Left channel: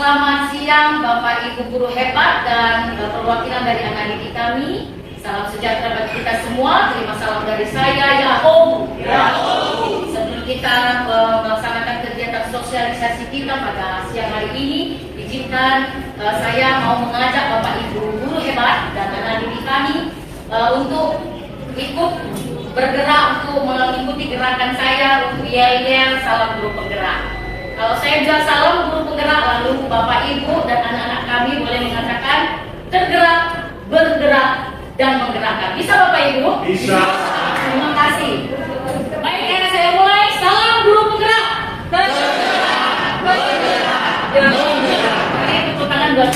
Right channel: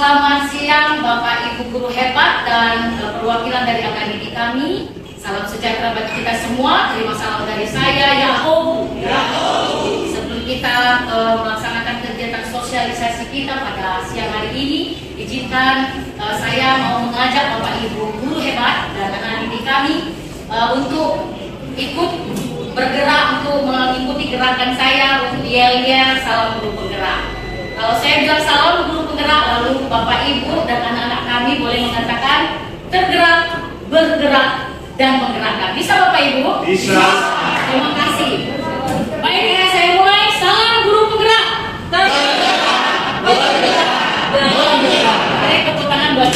Selamat siang Bapak Ibu guru hebat dan perwakilan dari akademi kami. Salam sejahtera bagi kita semua. Terima salam dari saya, Yahoo. Sebelum kita melaksanakan kegiatan sosialisasi kita pada siang hari ini, izinkan saya mau mengajak Bapak Ibu guru hebat dan akademi kami untuk ikut bergerak untuk mengikuti gerakan saya untuk yel-yel salam guru penggerak. Kalau saya bilang salam guru penggerak, lalu Bapak Ibu dan anak-anak kami boleh mengatakan tergerak, bergerak, dan menggerakkan. Bisa Bapak Ibu? Bisa. Terima kasih. Baik, saya mulai. Salam guru penggerak. Tergerak, bergerak, dan menggerak. Mari tepuk tangan buat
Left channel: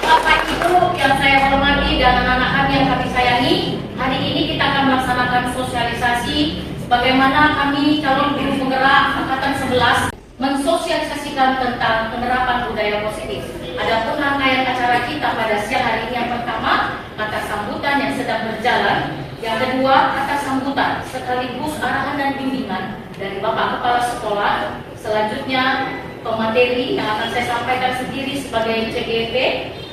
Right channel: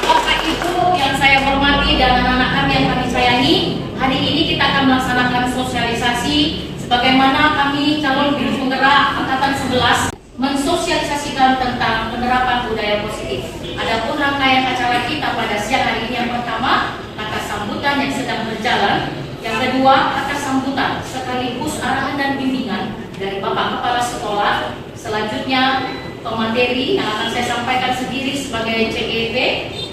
Bapak Ibu yang saya hormati dan anak-anak kami yang kami sayangi. Hari ini kita akan melaksanakan sosialisasi bagaimana kami calon guru penggerak angkatan 11 mensosialisasikan tentang penerapan budaya positif. Adapun rangkaian acara kita pada siang hari ini, yang pertama kata sambutan yang sedang berjalan, yang kedua kata sambutan sekaligus arahan dan bimbingan dari Bapak Kepala Sekolah, selanjutnya pemateri yang akan saya sampaikan sendiri sebagai CGP,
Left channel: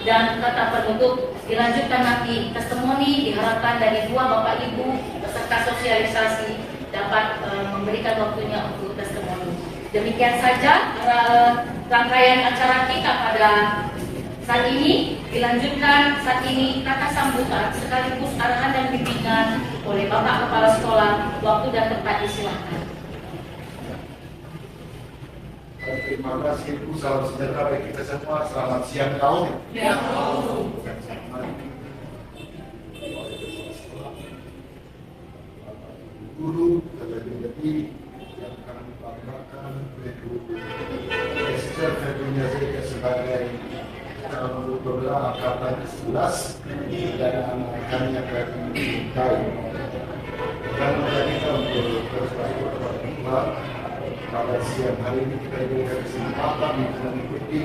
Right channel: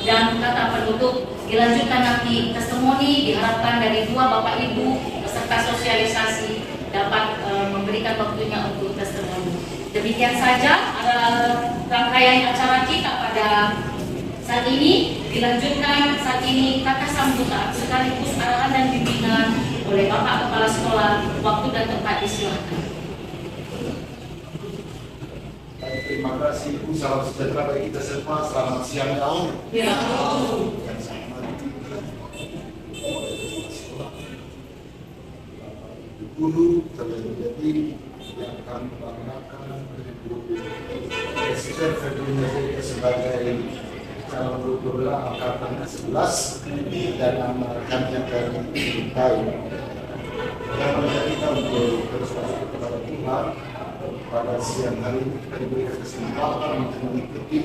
dan kata penutup dilanjutkan nanti testimoni. Diharapkan dari dua Bapak Ibu peserta sosialisasi dapat memberikan waktunya untuk testimoni. Demikian saja rangkaian acara kita pada saat ini. Dilanjutkan saat ini kata sambutan sekaligus arahan dan bimbingan oleh Bapak Kepala Sekolah. Waktu dan tempat disilakan. Terima kasih Bu, salam sejahtera bagi kita semua. Selamat siang kaum. Ya. Guru terlebih yang kami banggakan Profesor Februnya sebagai calon guru penggerak angkatan 11 dan anak kami yang akan dimintai. Dan kita untuk terus masuk kepada Tuhan. Pada siang hari ini kita diberikan kesempatan untuk mengikuti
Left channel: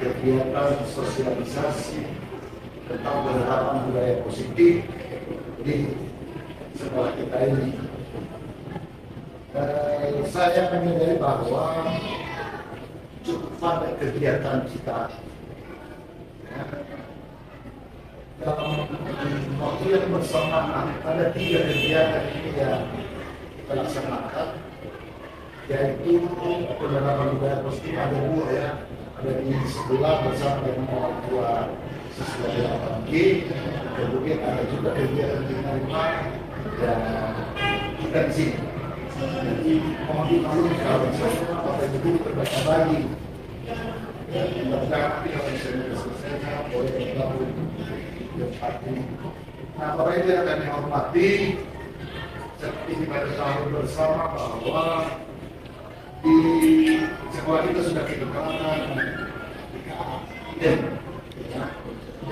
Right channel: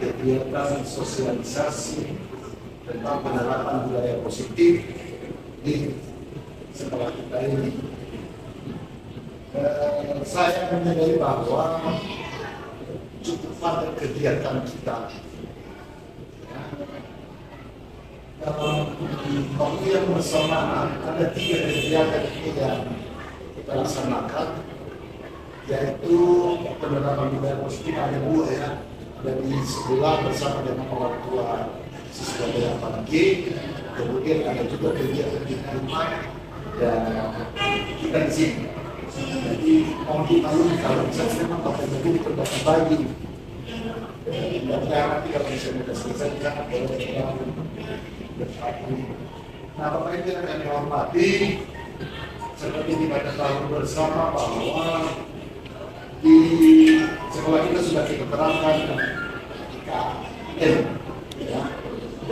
kegiatan sosialisasi tentang penerapan budaya positif di sekolah kita ini. Saya menyadari bahwa cukup pada kegiatan kita dalam waktu yang bersamaan. Ada 3 kegiatan yang kita laksanakan, yaitu penerapan budaya positif. Ada 2 ya, ada di sebelah bersama dengan orang tua siswa 8G, kemudian ada juga kegiatan di rumah dan kita di sini. Jadi mohon dimaklumi kalau misalnya Bapak Ibu terbagi-bagi. Mudah-mudahan nanti kalau misalnya sudah selesai sangat boleh bergabung bersatu. Nah, Bapak Ibu yang akan dihormati, seperti kita ketahui bersama bahwa di sekolah kita sudah kita terapkan IKN, ya.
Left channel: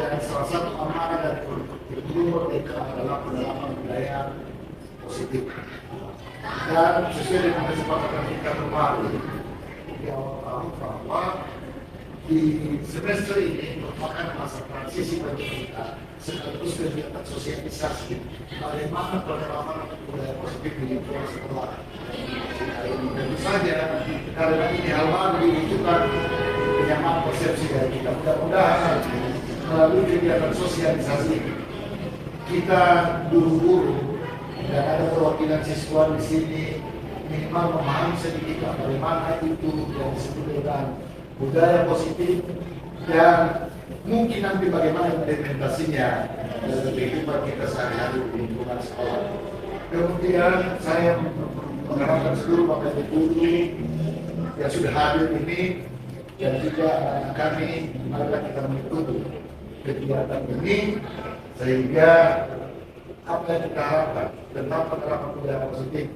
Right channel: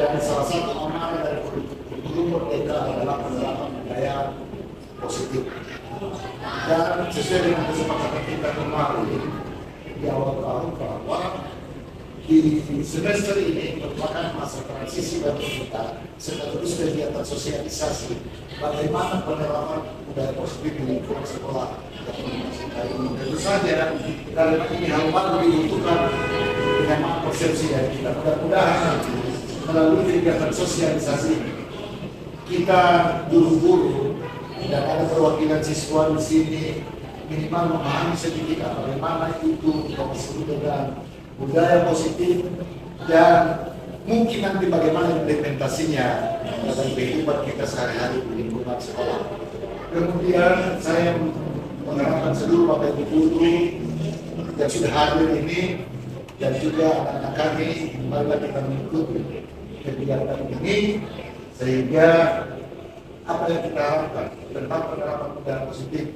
Dan salah satu amanah dari kurikulum Merdeka adalah penerapan budaya positif. Dan sesuai dengan kesepakatan kita kemarin di awal tahun bahwa di semester ini merupakan masa transisi bagi kita, sekaligus kegiatan sosialisasi bagaimana penerapan budaya positif di lingkungan sekolah. Tentu saja karena ini hal baru dibutuhkan penyamaan persepsi dari kita. Mudah-mudahan melalui kegiatan sosialisasi kita guru-guru dan ada perwakilan siswa di sini minimal memahami sedikit bagaimana itu yang disebut dengan budaya positif dan mungkin nanti bagaimana implementasinya dalam kehidupan kita sehari-hari di lingkungan sekolah. Kemudian saya mengharapkan seluruh Bapak Ibu guru yang sudah hadir ini dan juga anak-anak kami, marilah kita mengikuti kegiatan ini sehingga apa yang kita harapkan tentang penerapan budaya positif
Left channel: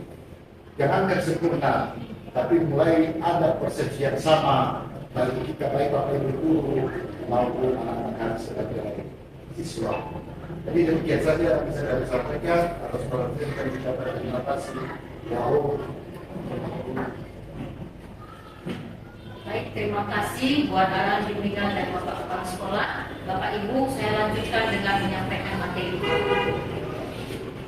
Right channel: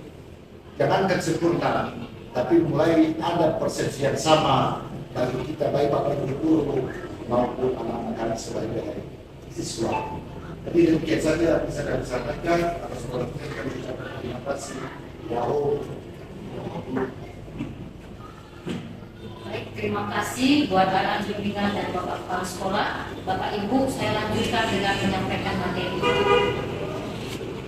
jangankan sempurna, tapi mulai ada persepsi yang sama bagi kita, baik Bapak Ibu guru maupun anak-anak kami sebagai siswa. Jadi demikian saja bisa kami sampaikan. Atas perhatian kami ucapkan terima kasih. Wow. Baik, terima kasih buat arahan bimbingan dari Bapak Kepala Sekolah. Bapak Ibu, saya lanjutkan dengan menyampaikan materi.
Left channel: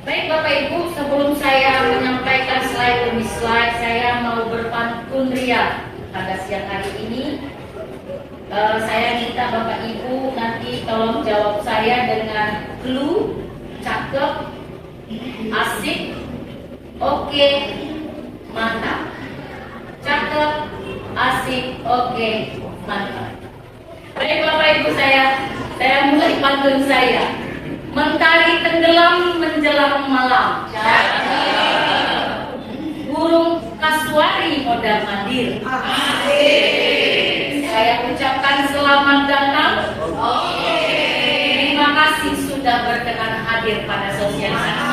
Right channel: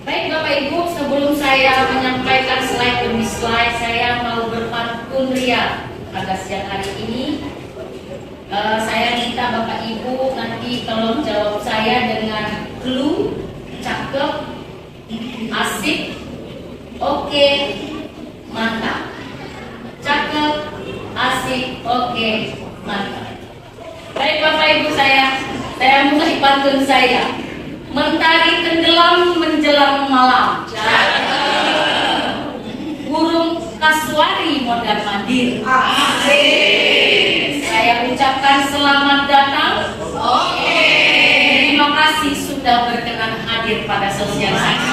Baik Bapak Ibu, sebelum saya menyampaikan slide demi slide, saya mau berpantun ria pada siang hari ini. Saya minta Bapak Ibu nanti tolong jawab saya dengan clue, cakep, asik, oke, mantap. Cakep, asik, oke, mantap. Baik Bapak Ibu, saya mulai pantun saya. Mentari tenggelam menjelang malam. Burung kasuari modal mandir. Saya ucapkan selamat datang. Terima kasih sudah berkenan hadir pada sosialisasi.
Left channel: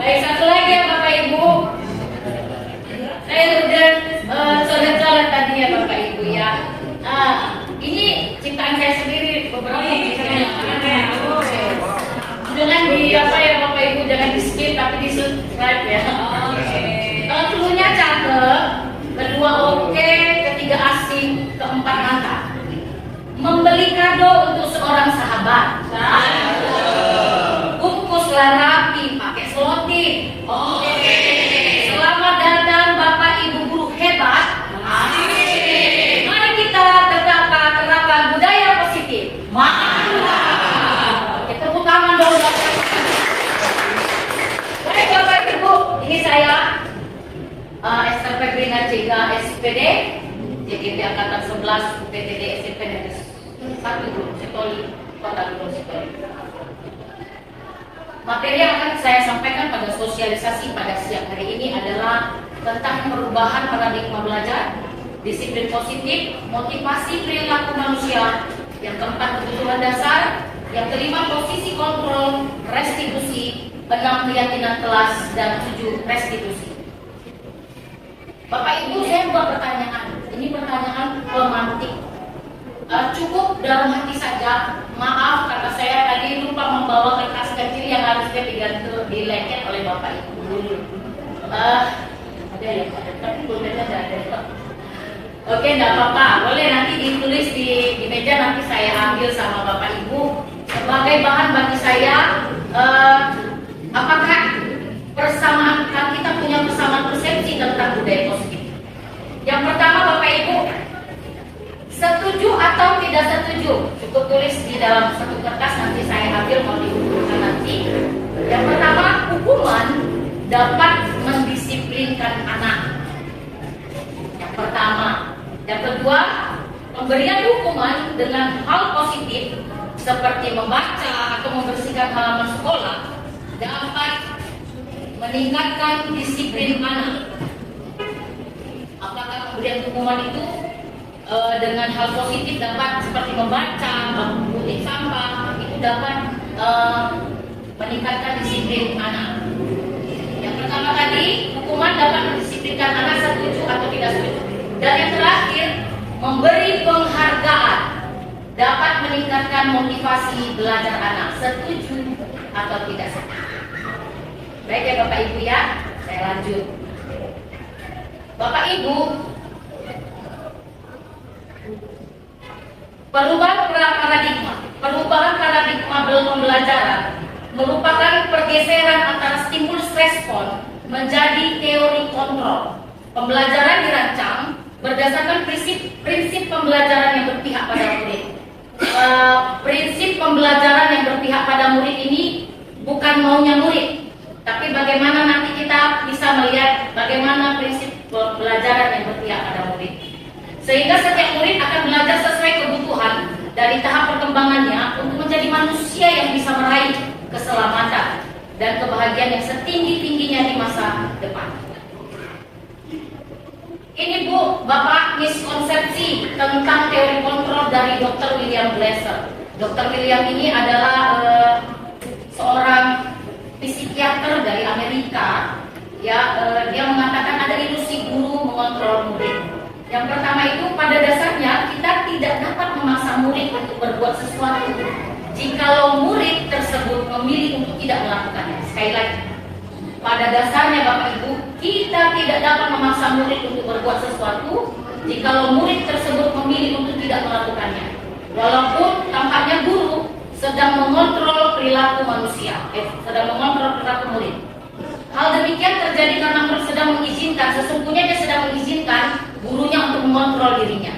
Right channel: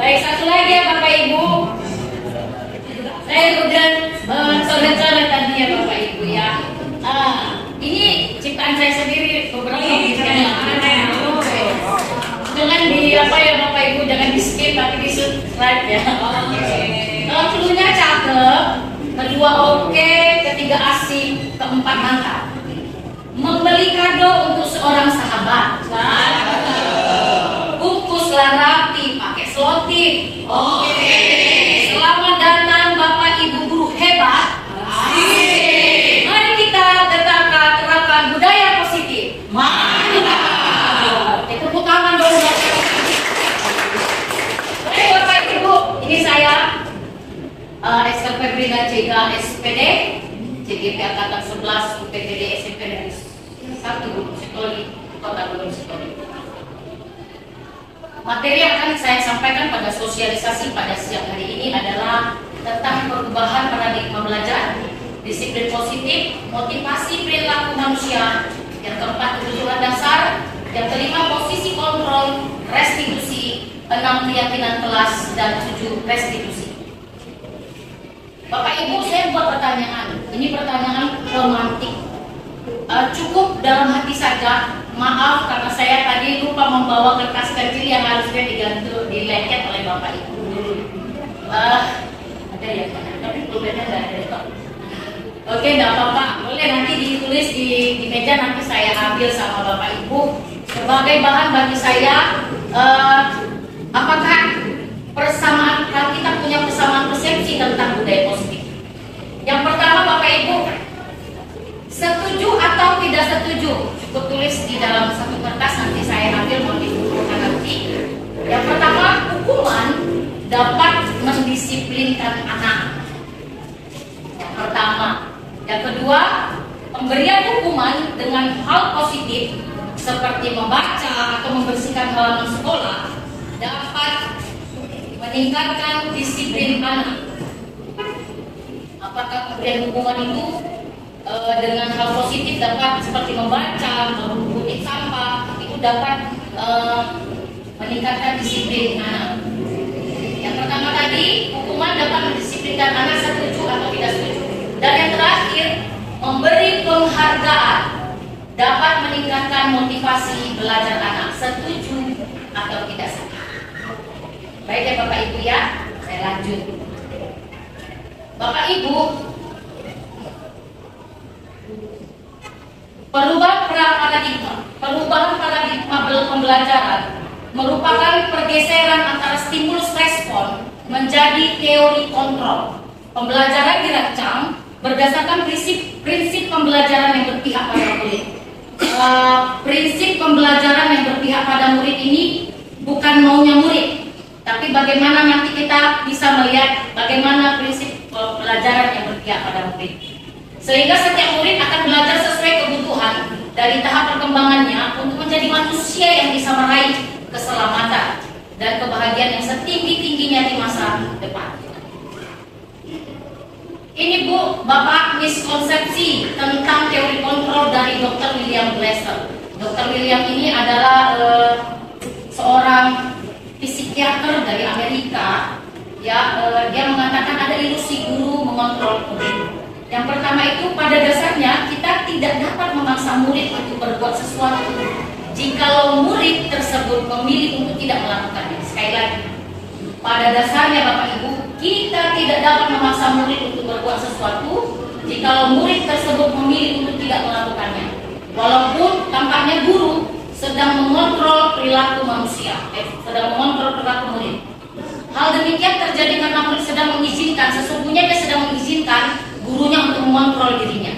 Baik, satu lagi ya Bapak Ibu. Saya udah coret-coret tadi ya Bapak Ibu ya. Ini ciptaan saya sendiri beberapa jangan di apa ya Bapak Ibu, jangan di skip tapi di subscribe ya. Cluenya cakep, kedua oke, ketiga asik, keempat mantap. Membeli kado untuk seorang sahabat. Bungkuslah rapi pakai selotip. Oke. Selamat datang Bapak Ibu guru hebat. Mari kita terapkan budaya positif. Mari. Tepuk tangan dong. Baik Bapak Ibu, ini saya Esther Febrina Cega SPD, CGP Angkatan 11 UPTD SMP Negeri 1 Gunung Sitoli, Kota Gunung Sitoli. Materi yang akan saya sampaikan pada sosialisasi pada siang hari ini adalah tentang perubahan paradigma belajar, disiplin positif, motivasi perilaku manusia, yang keempat kebutuhan dasar, yang kelima posisi kontrol, restitusi, 6 keyakinan kelas, dan 7 restitusi. Bapak Ibu, saya buat pertanyaan. Ini pertanyaan romantik. Cukup dalam hati saja. Maaf karena saya tadi lupa membawa kertas kecil yang harusnya dileket oleh Bapak Ibu. Ada ya, tapi pulpennya nggak ada. Oke, nggak apa-apa. Boleh nanti ditulis di meja, nanti saya ambil sama Bapak Ibu sebagai bahan bagi saya. Apakah persamaan, kalau kita punya persamaan persepsi tentang budaya positif? Yang pertama Bapak Ibu, setuju atau tidak setuju? Cukup tulis di dalam satu kertas, nanti saya ambil mau diukurkan nanti. Yang pertama, hukuman dapat mendisiplinkan anak. Yang pertama. Yang kedua, pemberian hukuman dengan hal positif seperti membaca atau membersihkan halaman sekolah dapat meningkatkan disiplin anak. Apakah pemberian hukuman itu dengan hal positif dapat seperti membaca, menguntit sampah, itu dapat meningkatkan disiplin anak. Yang pertama tadi, hukuman dapat mendisiplinkan anak, setuju atau tidak setuju. Dan yang terakhir, memberi penghargaan dapat meningkatkan motivasi belajar anak, setuju atau tidak setuju. Baik ya Bapak Ibu ya, saya lanjut. Bapak Ibu, perubahan paradigma pembelajaran merupakan pergeseran antara stimulus respon menjadi teori kontrol. Pembelajaran dirancang berdasarkan prinsip pembelajaran yang berpihak pada murid. Prinsip pembelajaran yang berpihak pada murid ini bukan maunya murid, tapi bagaimana nanti kita bisa melihat bagaimana prinsip pembelajaran yang berpihak pada murid. Sehingga setiap murid akan belajar sesuai kebutuhan dari tahap perkembangannya untuk menjadi manusia yang bisa meraih keselamatan dan kebahagiaan yang setinggi-tingginya di masa depan. Ini Bu, Bapak, miskonsepsi tentang teori kontrol dari Dr. William Glasser. Dr. William ini adalah seorang psikiater dari Amerika. Ya, dia mengatakan ada ilusi guru mengontrol murid. Yang pertama itu, pada dasarnya kita tidak dapat memaksa murid untuk berbuat sesuatu jikalau murid tersebut memilih untuk tidak melakukannya. Sekali lagi, pada dasarnya Bapak Ibu, kita tidak dapat memaksa murid untuk berbuat sesuatu jikalau murid tersebut memilih untuk tidak melakukannya. Walaupun tampaknya guru sedang mengontrol perilaku manusia, sedang mengontrol perilaku murid. Hal demikian terjadi karena murid sedang mengizinkan, sesungguhnya dia sedang mengizinkan gurunya untuk mengontrol dirinya.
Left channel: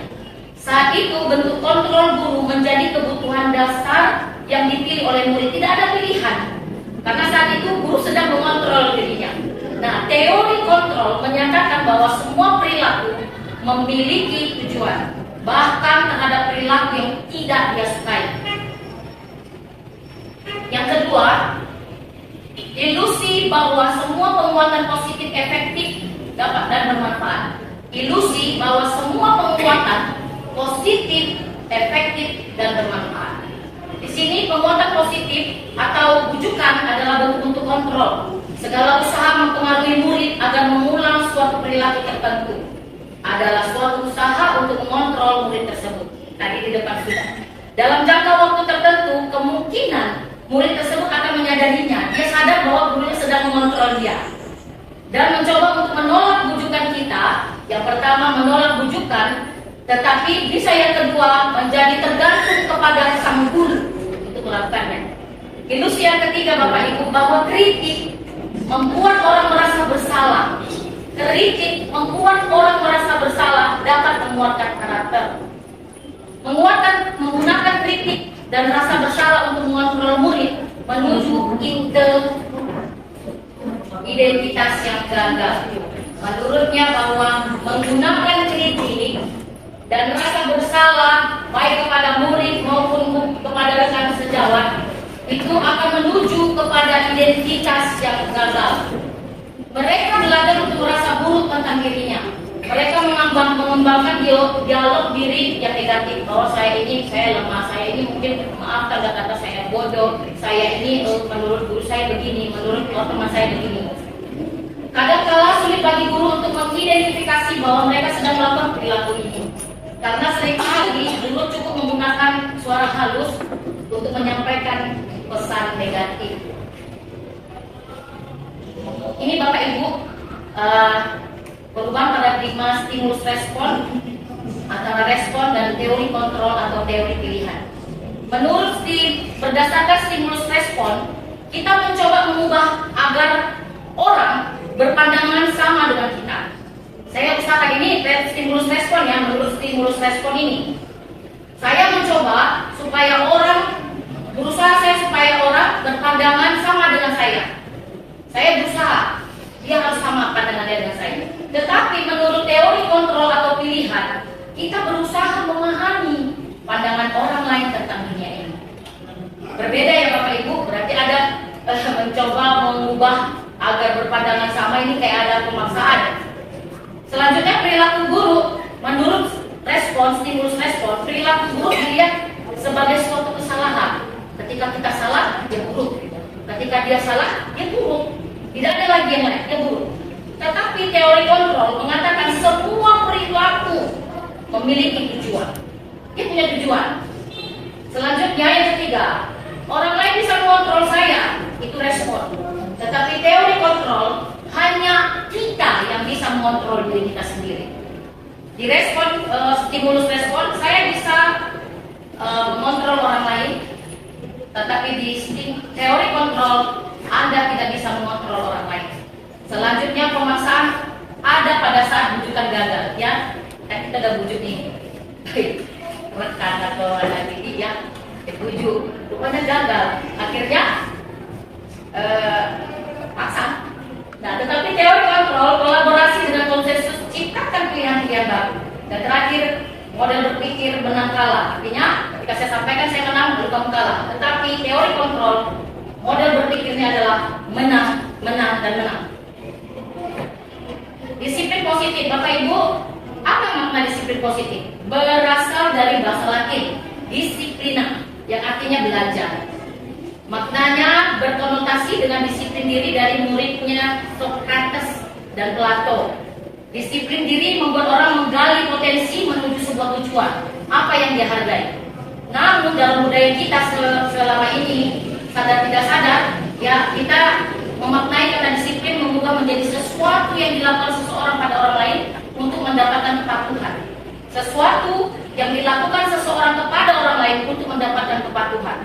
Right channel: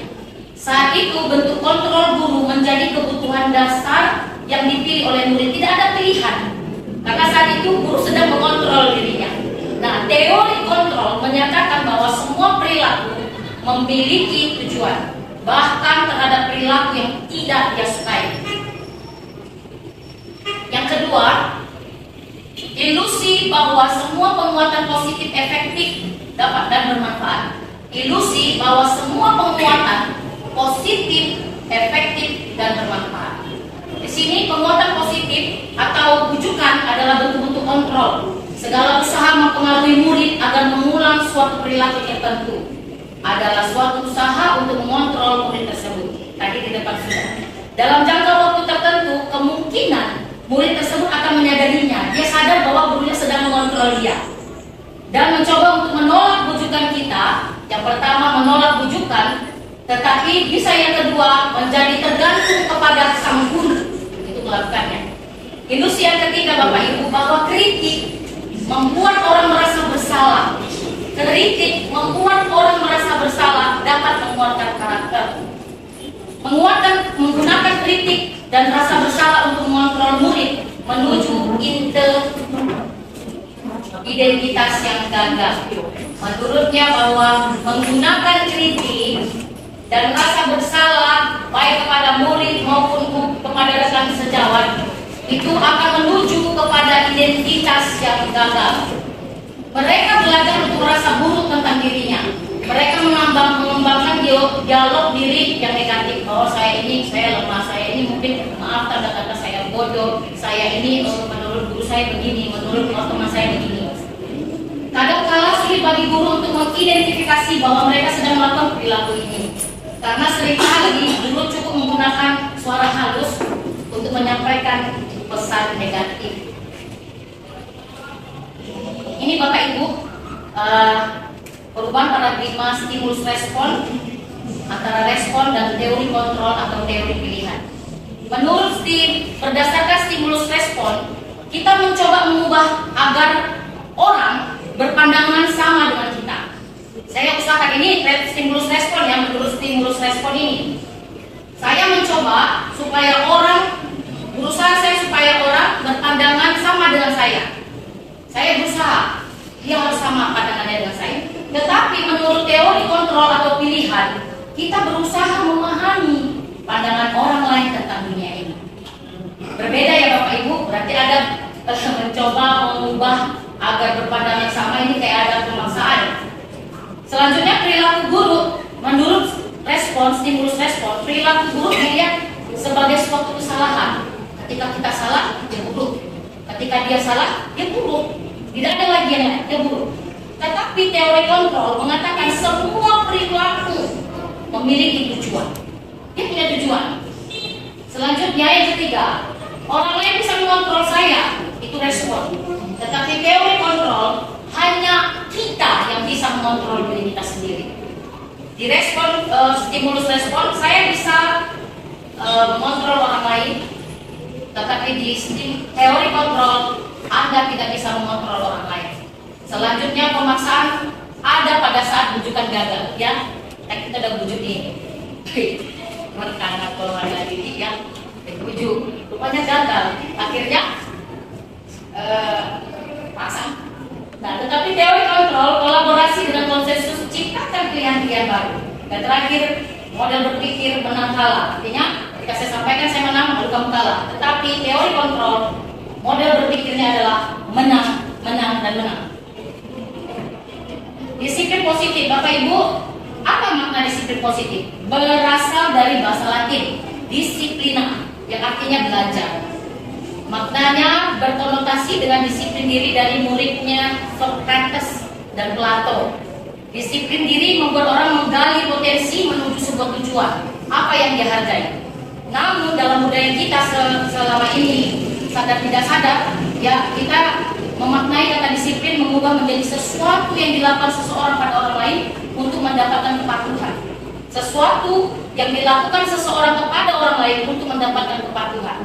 Saat itu bentuk kontrol guru menjadi kebutuhan dasar yang dipilih oleh murid, tidak ada pilihan. Karena saat itu guru sedang mengontrol dirinya. Nah, teori kontrol menyatakan bahwa semua perilaku memiliki tujuan, bahkan terhadap perilaku yang tidak dia sukai. Yang kedua, ilusi bahwa semua penguatan positif efektif dapat dan bermanfaat. Ilusi bahwa semua penguatan positif efektif dan bermanfaat. Di sini penguatan positif atau bujukan adalah bentuk-bentuk kontrol. Segala usaha mempengaruhi murid agar mengulang suatu perilaku tertentu adalah suatu usaha untuk mengontrol murid tersebut. Tadi di depan sudah. Dalam jangka waktu tertentu, kemungkinan murid tersebut akan menyadarinya. Dia sadar bahwa gurunya sedang mengontrol dia dan mencoba untuk menolak bujukan kita. Yang pertama menolak bujukan, tetapi bisa yang kedua menjadi tergantung kepada sang guru untuk melakukannya. Ilusi yang ketiga Bapak Ibu, bahwa kritik membuat orang merasa bersalah. Kritik membuat orang merasa bersalah dapat menguatkan karakter. Menggunakan kritik dan rasa bersalah untuk mengontrol murid menuju identitas yang gagal. Menurutnya bahwa menggunakan kritik dan rasa bersalah baik kepada murid maupun kepada rekan sejawat itu akan menuju kepada identitas yang gagal. Mereka belajar untuk merasa buruk tentang dirinya. Mereka mengembangkan dialog diri yang negatif. Oh, saya lemah, saya ini mungkin maaf tanda kata saya bodoh, saya ini menurut guru saya begini, menurut teman saya begini. Kadang-kala sulit bagi guru untuk mengidentifikasi bahwa mereka sedang melakukan perilaku ini. Karena seringkali guru cukup menggunakan suara halus untuk menyampaikan pesan negatif. Ini Bapak Ibu, perubahan paradigma stimulus respon antara respon dan teori kontrol atau teori pilihan. Menurut Steve, berdasarkan stimulus respon, kita mencoba mengubah agar orang berpandangan sama dengan kita. Saya usahakan ini stimulus respon ya, menurut stimulus respon ini. Saya mencoba supaya berusaha supaya orang berpandangan sama dengan saya. Saya berusaha, dia harus sama pandangannya dengan saya. Tetapi menurut teori kontrol atau pilihan, kita berusaha memahami pandangan orang lain tentang dunia ini. Berbeda ya Bapak Ibu, berarti ada mencoba mengubah agar berpandangan sama, ini kayak ada pemaksaan. Selanjutnya perilaku buruk, menurut stimulus respon, perilaku buruk dilihat sebagai suatu kesalahan. Ketika kita salah, dia buruk. Ketika dia salah, dia buruk. Tidak ada lagi yang lain, dia buruk. Tetapi teori kontrol mengatakan semua perilaku memiliki tujuan. Dia punya tujuan. Selanjutnya yang ketiga, orang lain bisa mengontrol saya, itu respon. Tetapi teori kontrol hanya kita yang bisa mengontrol diri kita sendiri. Di respon stimulus respon, saya bisa mengontrol orang lain. Tetapi di teori kontrol, Anda tidak bisa mengontrol orang lain. Selanjutnya pemaksaan ada pada saat bujukan gagal, ya. Kan kita udah bujuk nih, rekan atau ada didik ya, bujuk, rupanya gagal. Akhirnya paksa. Nah, tetapi teori kontrol kolaborasi dengan konsensus ciptakan pilihan-pilihan baru. Dan terakhir model berpikir menang kalah. Artinya ketika saya sampaikan saya menang, lalu kamu kalah. Tetapi teori kontrol model berpikirnya adalah menang, menang, dan menang. Disiplin positif, Bapak Ibu, apa makna disiplin positif? Berasal dari bahasa Latin, disiplina, yang artinya belajar. Maknanya berkonotasi dengan disiplin diri dari muridnya Socrates dan Plato. Disiplin diri membuat orang menggali potensi menuju sebuah tujuan, apa yang dia hargai. Namun dalam budaya kita selama ini, sadar tidak sadar, ya kita memaknai kata disiplin mengubah menjadi sesuatu yang dilakukan seseorang pada orang lain untuk mendapatkan kepatuhan. Sesuatu yang dilakukan seseorang kepada orang lain untuk mendapatkan kepatuhan.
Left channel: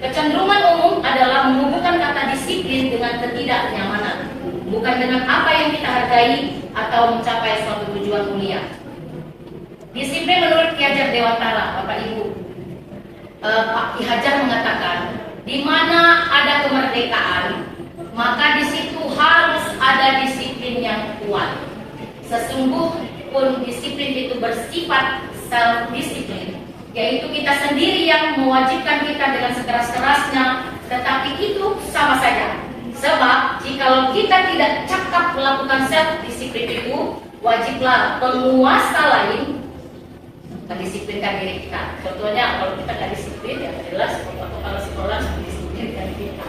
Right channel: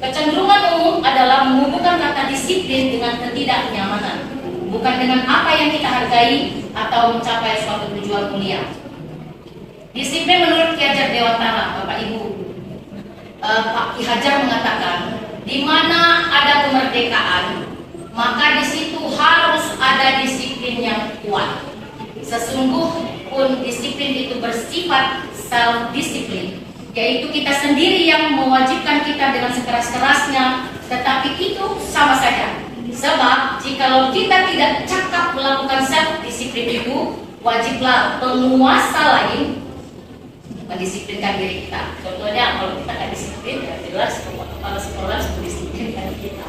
Kecenderungan umum adalah menghubungkan kata disiplin dengan ketidaknyamanan, bukan dengan apa yang kita hargai atau mencapai suatu tujuan mulia. Disiplin menurut Ki Hajar Dewantara, Bapak Ibu. Pak Ki Hajar mengatakan, di mana ada kemerdekaan, maka di situ harus ada disiplin yang kuat. Sesungguhnya disiplin itu bersifat self-disiplin, yaitu kita sendiri yang mewajibkan kita dengan sekeras-kerasnya, tetapi itu sama saja. Sebab jikalau kita tidak cakap melakukan self-disiplin itu, wajiblah penguasa lain mendisiplinkan diri kita. Contohnya kalau kita nggak disiplin, ya jelas kalau sekolah harus mendisiplinkan kita.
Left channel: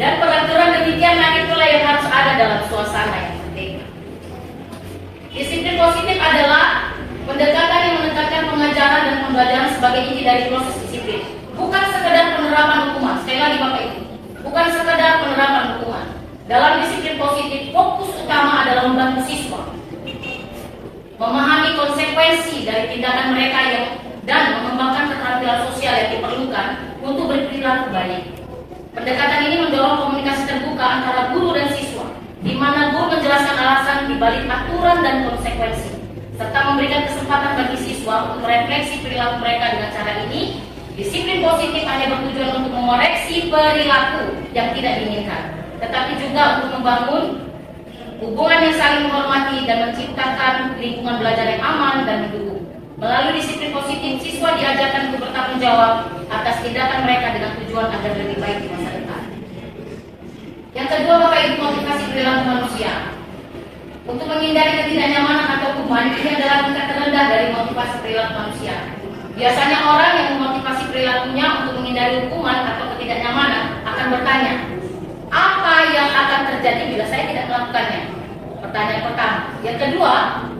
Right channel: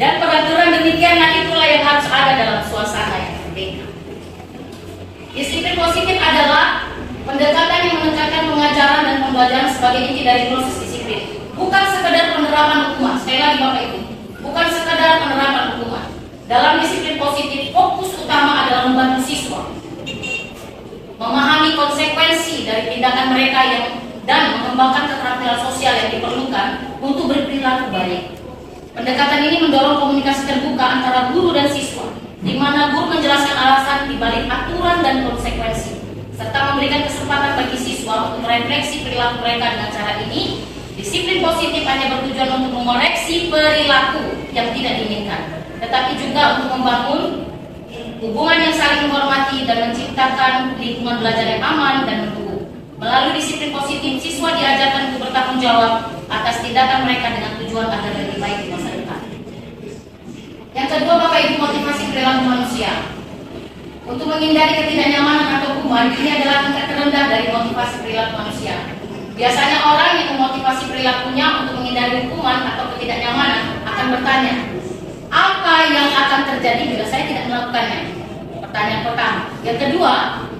Dan peraturan demikianlah itulah yang harus ada dalam suasana yang merdeka. Disiplin positif adalah pendekatan yang menekankan pengajaran dan pembelajaran sebagai inti dari proses disiplin. Bukan sekedar penerapan hukuman. Sekali lagi Bapak Ibu, bukan sekedar penerapan hukuman. Dalam disiplin positif, fokus utama adalah membantu siswa memahami konsekuensi dari tindakan mereka dan mengembangkan keterampilan sosial yang diperlukan untuk berperilaku baik. Pendekatan ini mendorong komunikasi terbuka antara guru dan siswa, di mana guru menjelaskan alasan dibalik aturan dan konsekuensi, serta memberikan kesempatan bagi siswa untuk merefleksi perilaku mereka. Dengan cara ini, disiplin positif hanya bertujuan untuk mengoreksi perilaku yang tidak diinginkan, tetapi juga untuk membangun hubungan yang saling menghormati dan menciptakan lingkungan belajar yang aman dan mendukung. Melalui disiplin positif, siswa diajarkan untuk bertanggung jawab atas tindakan mereka dengan tujuan agar lebih baik di masa depan. Yang kedua, Bapak Ibu, motivasi perilaku manusia. Untuk menghindari ketidaknyamanan atau hukuman, ini adalah tingkat terendah dari motivasi perilaku manusia. Biasanya orang yang memotivasi perilakunya untuk menghindari hukuman atau ketidaknyamanan akan bertanya, apa yang akan terjadi bila saya tidak melakukannya? Pertanyaan pertama. Yang kedua,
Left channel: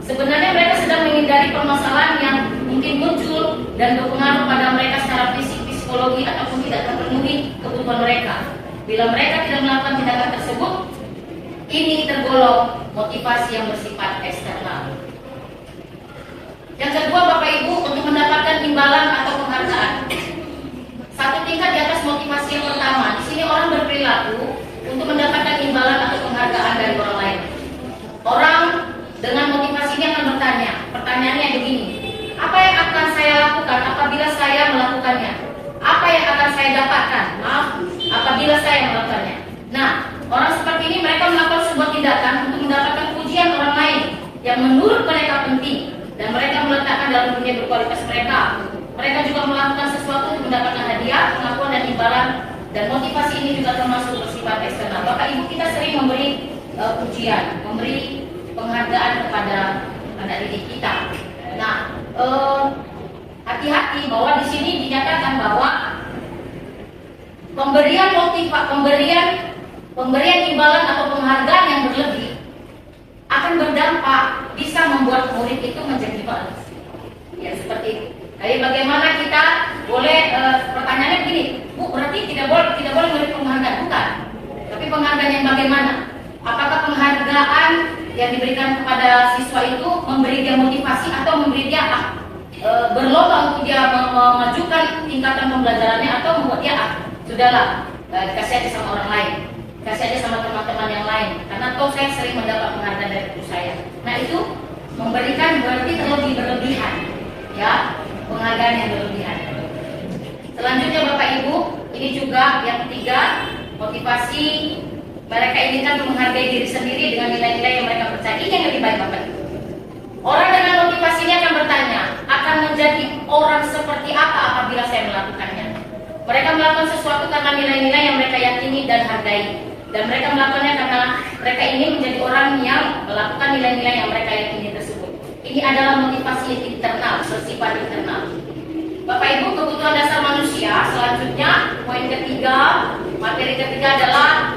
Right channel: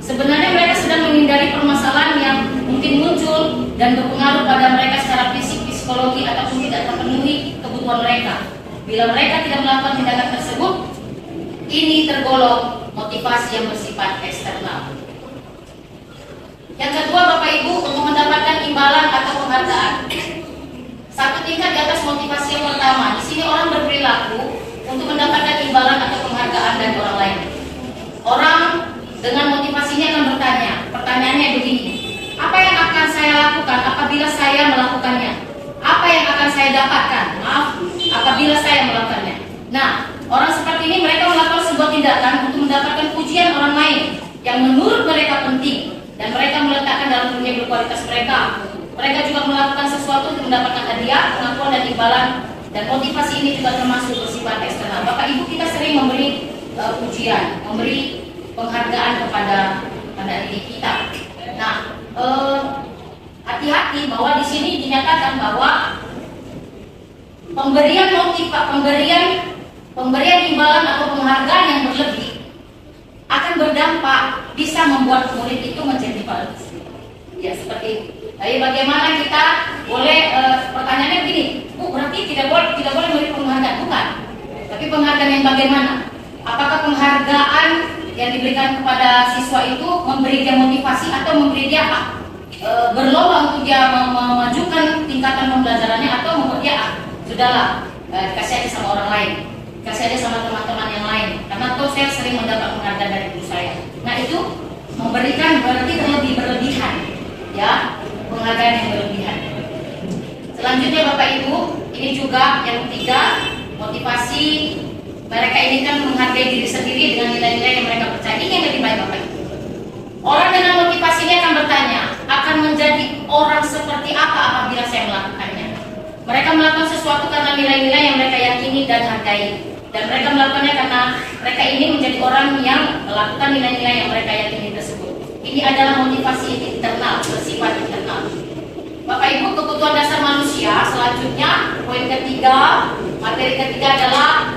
sebenarnya mereka sedang menghindari permasalahan yang mungkin muncul dan berpengaruh pada mereka secara fisik, psikologi, ataupun tidak terpenuhi kebutuhan mereka. Bila mereka tidak melakukan tindakan tersebut, ini tergolong motivasi yang bersifat eksternal. Yang kedua, Bapak Ibu, untuk mendapatkan imbalan atau penghargaan, satu tingkat di atas motivasi yang pertama. Di sini orang berperilaku untuk mendapatkan imbalan atau penghargaan dari orang lain. Orang dengan motivasi ini akan bertanya, pertanyaannya begini: apa yang akan saya lakukan apabila saya melakukannya? Apa yang akan saya dapatkan? Maaf, apabila saya melakukannya. Nah, orang seperti ini mereka melakukan sebuah tindakan untuk mendapatkan pujian orang lain yang menurut mereka penting, dan mereka meletakkan dalam dunia berkualitas mereka. Mereka juga melakukan sesuatu untuk mendapatkan hadiah, pengakuan, dan imbalan. Dan motivasi ini juga termasuk bersifat eksternal. Bapak Ibu, kita sering memberi pujian, memberi penghargaan kepada diri kita. Nah, hati-hati bahwa di sini dinyatakan bahwa pemberian imbalan atau penghargaan yang berlebih akan berdampak bisa membuat murid itu menjadi balas. Ya, seperti itu. Jadi bagaimana kita boleh pertanyaannya begini, Bu, berarti tidak boleh memberi penghargaan? Bukan. Tapi penghargaan yang bagaimana? Apakah penghargaan yang diberikan kepada siswa itu memberi dia motivasi atau memberi dia berlomba untuk dia memajukan tingkatan pembelajarannya, atau membuat dia sudahlah kasih aja sama orang lain, kasih aja sama teman-teman yang lain, karena tuh saya sering mendapat penghargaan dari guru saya. Nah, itu memberikan berarti terlebih berlebihan, ya. Penghargaan yang berlebihan. Selanjutnya Bapak Ibu, ini juga yang ketiga, motivasi mereka ini kan menghargai diri sendiri dengan nilai-nilai yang mereka percaya. Ini yang lebih baik Bapak Ibu. Orang dengan motivasi ini akan bertanya, akan menjadi orang seperti apa apabila saya melakukannya. Mereka melakukan sesuatu karena nilai-nilai yang mereka yakini dan hargai. Dan mereka melakukannya karena mereka ini menjadi orang yang melakukan nilai-nilai yang mereka yakini tersebut. Ini adalah motivasi internal, bersifat internal. Bapak Ibu, kebutuhan dasar manusia. Selanjutnya, poin ketiga, materi ketiga adalah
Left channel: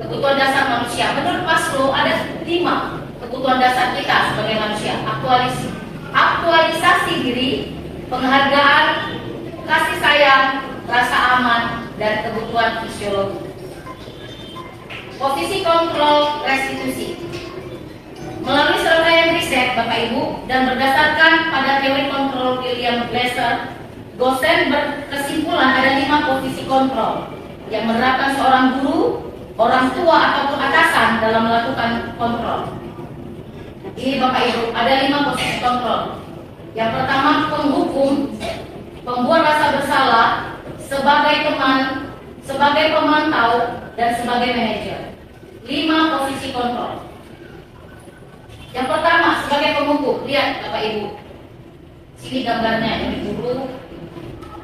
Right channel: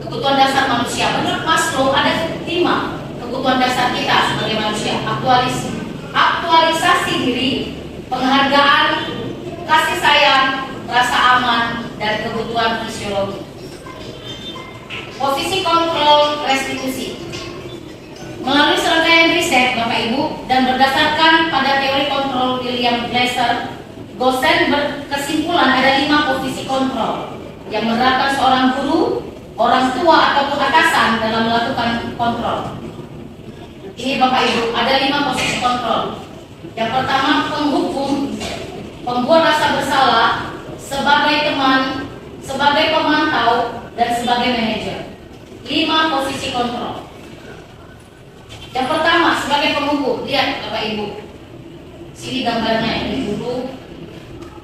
kebutuhan dasar manusia. Menurut Maslow ada 5 kebutuhan dasar kita sebagai manusia: aktualisasi diri, penghargaan, kasih sayang, rasa aman, dan kebutuhan fisiologi. Posisi kontrol restitusi. Melalui serangkaian riset Bapak Ibu dan berdasarkan pada teori kontrol William Glasser, Gosen berkesimpulan ada 5 posisi kontrol yang menerapkan seorang guru, orang tua ataupun atasan dalam melakukan kontrol. Ini Bapak Ibu, ada 5 posisi kontrol. Yang pertama, penghukum, pembuat rasa bersalah, sebagai teman, sebagai pemantau, dan sebagai manajer. 5 posisi kontrol. Yang pertama, sebagai penghukum. Lihat Bapak Ibu, sini gambarnya, ini guru,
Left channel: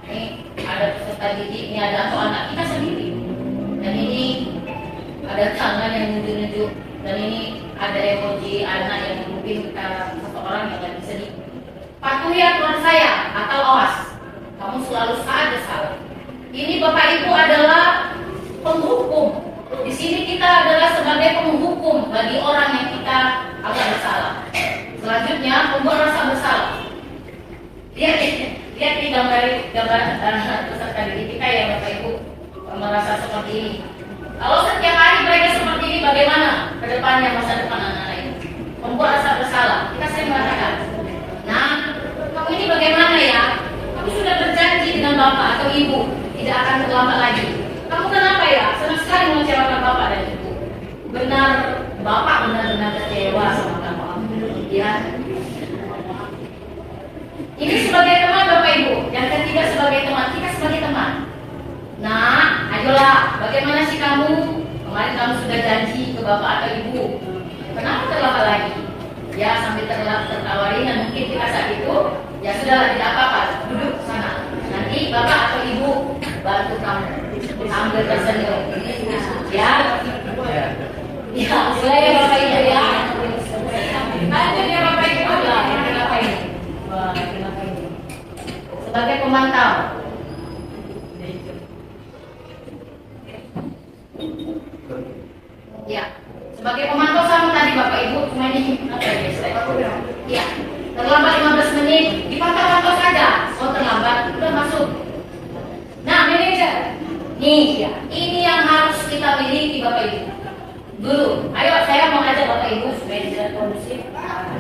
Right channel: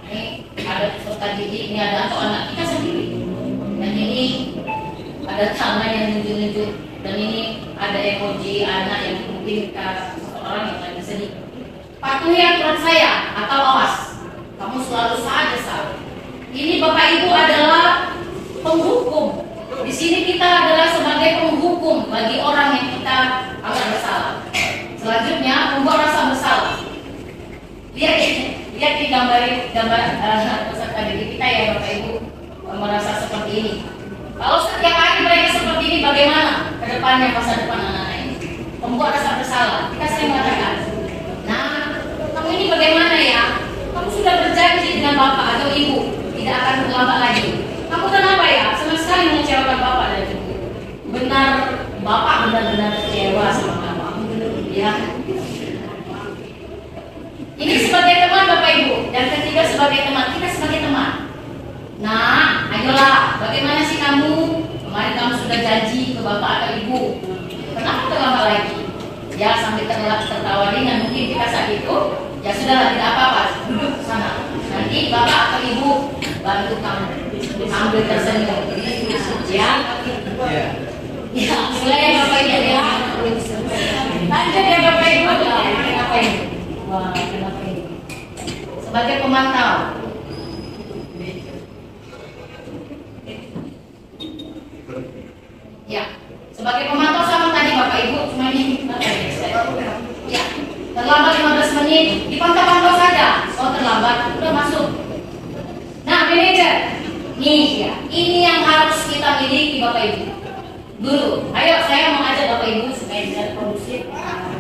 ini ada peserta didik, ini ada atau anak kita sendiri, dan ini ada tangan yang nunjuk-nunjuk, dan ini ada emoji anak yang mungkin satu orang yang lagi sedih. Patuhi aturan saya atau awas, kamu selalu saja salah. Ini Bapak Ibu adalah penghukum. Di sini kita adalah sebagai penghukum bagi orang yang kita anggap bersalah. Selanjutnya, membuat rasa bersalah. Lihat ini gambar peserta didik kita ya Bapak Ibu, merasa seperti ini. Kalau setiap hari mereka seperti ini, bagaimana ke depannya masa depan anak-anak ini? Membuat rasa bersalah. Kita sering mengatakan, nah, kamu ini bagaimana ya? Kamu sudah berjanji dengan bapak atau ibu tidak akan terlambat lagi. Kamu kenapa ya? Senang sekali mengecewakan bapak dan ibu. Benar, bapak benar-benar kecewa sama kamu. Ya. Ini sebagai teman Bapak Ibu. Yang ketiga sebagai teman. Kita sebagai teman. Nah, ayolah, bagaimana sih kamu? Kemarin kamu sudah janji ke bapak atau ibu. Kenapa terlambat lagi? Ya, sambil tertawa ringan mungkin kita saat itu. Ya sudahlah, tidak apa-apa. Duduk sana. Nanti bapak atau ibu bantu kamu sambil tersenyum. Ya. Ya, mulai ya Bapak Ibu ya. Lanjut ya Bapak Ibu. Kenapa ini? Wah, kenapa ini? Sebagai pemantau. Ya, sebagai pemantau sama tadi Bapak Ibu, cuma ini apa ya? Ya, terlambat 15 menit, dipantau-pantau saja. Oh terlambat, udah masuk. Nah, manajer, nih ya, ini yang harus kita miliki Bapak Ibu. Dulu, ayo saya mau ajak Bapak Ibu supaya bisa kondusif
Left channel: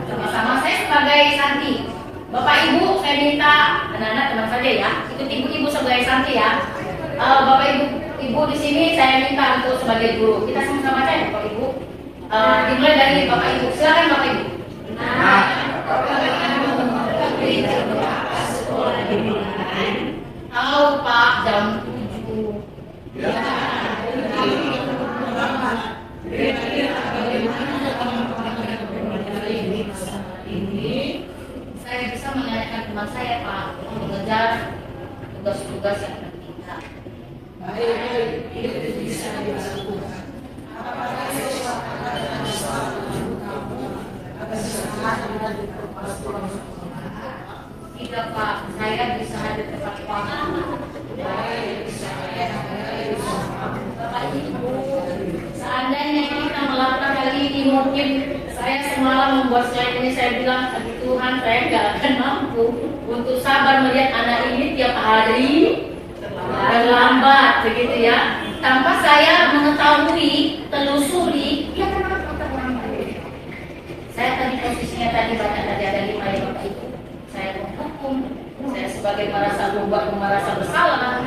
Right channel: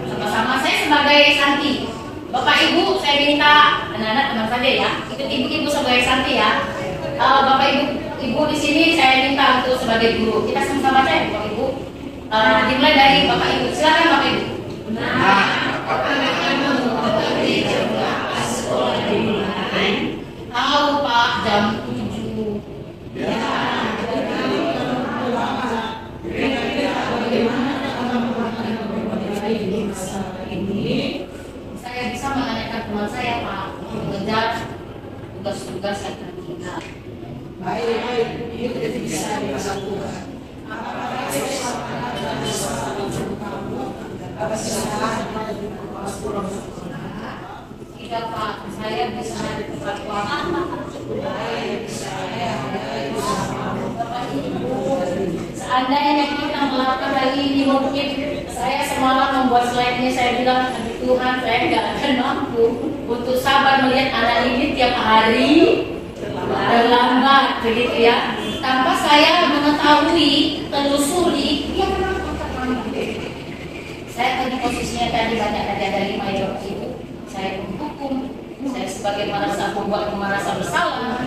sama-sama. Saya sebagai Santi, Bapak Ibu saya minta anak-anak teman saja ya, ikut ibu-ibu sebagai Santi ya. Bapak Ibu di sini saya minta untuk sebagai guru. Kita sama-sama aja ya Bapak Ibu. Dimulai dari Bapak Ibu. Silakan Bapak Ibu. Nah, tahu Pak jam 7. Ya. Saya bisa menanyakan teman saya Pak mengejar tugas-tugas yang tertinggal. Baik, itu bisa dilakukan. Tidak Pak, saya bisa hadir tepat waktu. Bapak Ibu, seandainya kita melakukan hal ini, mungkin saya semalam membuat slide ini, saya bilang, aduh Tuhan, saya nggak akan mampu untuk sabar melihat anak ini tiap hari terlambat, begitu ya. Tanpa saya mengetahui, telusuri, ya kenapa terlambat? Saya tadi posisinya banyak ada 5 ya Bapak Ibu. Saya menghukum, saya sebagai merasa bersalah,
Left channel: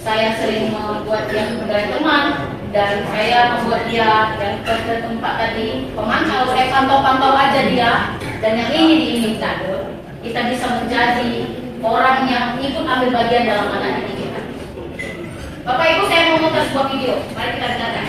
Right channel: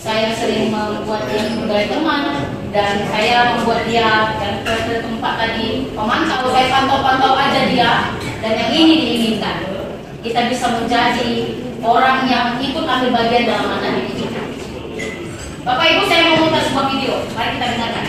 saya sering membuat dia sebagai teman, dan saya membuat dia dan ke tempat tadi pemantau, saya pantau-pantau aja dia, dan yang ini diinginkan kita bisa menjadi orang yang ikut ambil bagian dalam anak didik kita. Bapak Ibu, saya mau memutar sebuah video, mari kita dengarkan.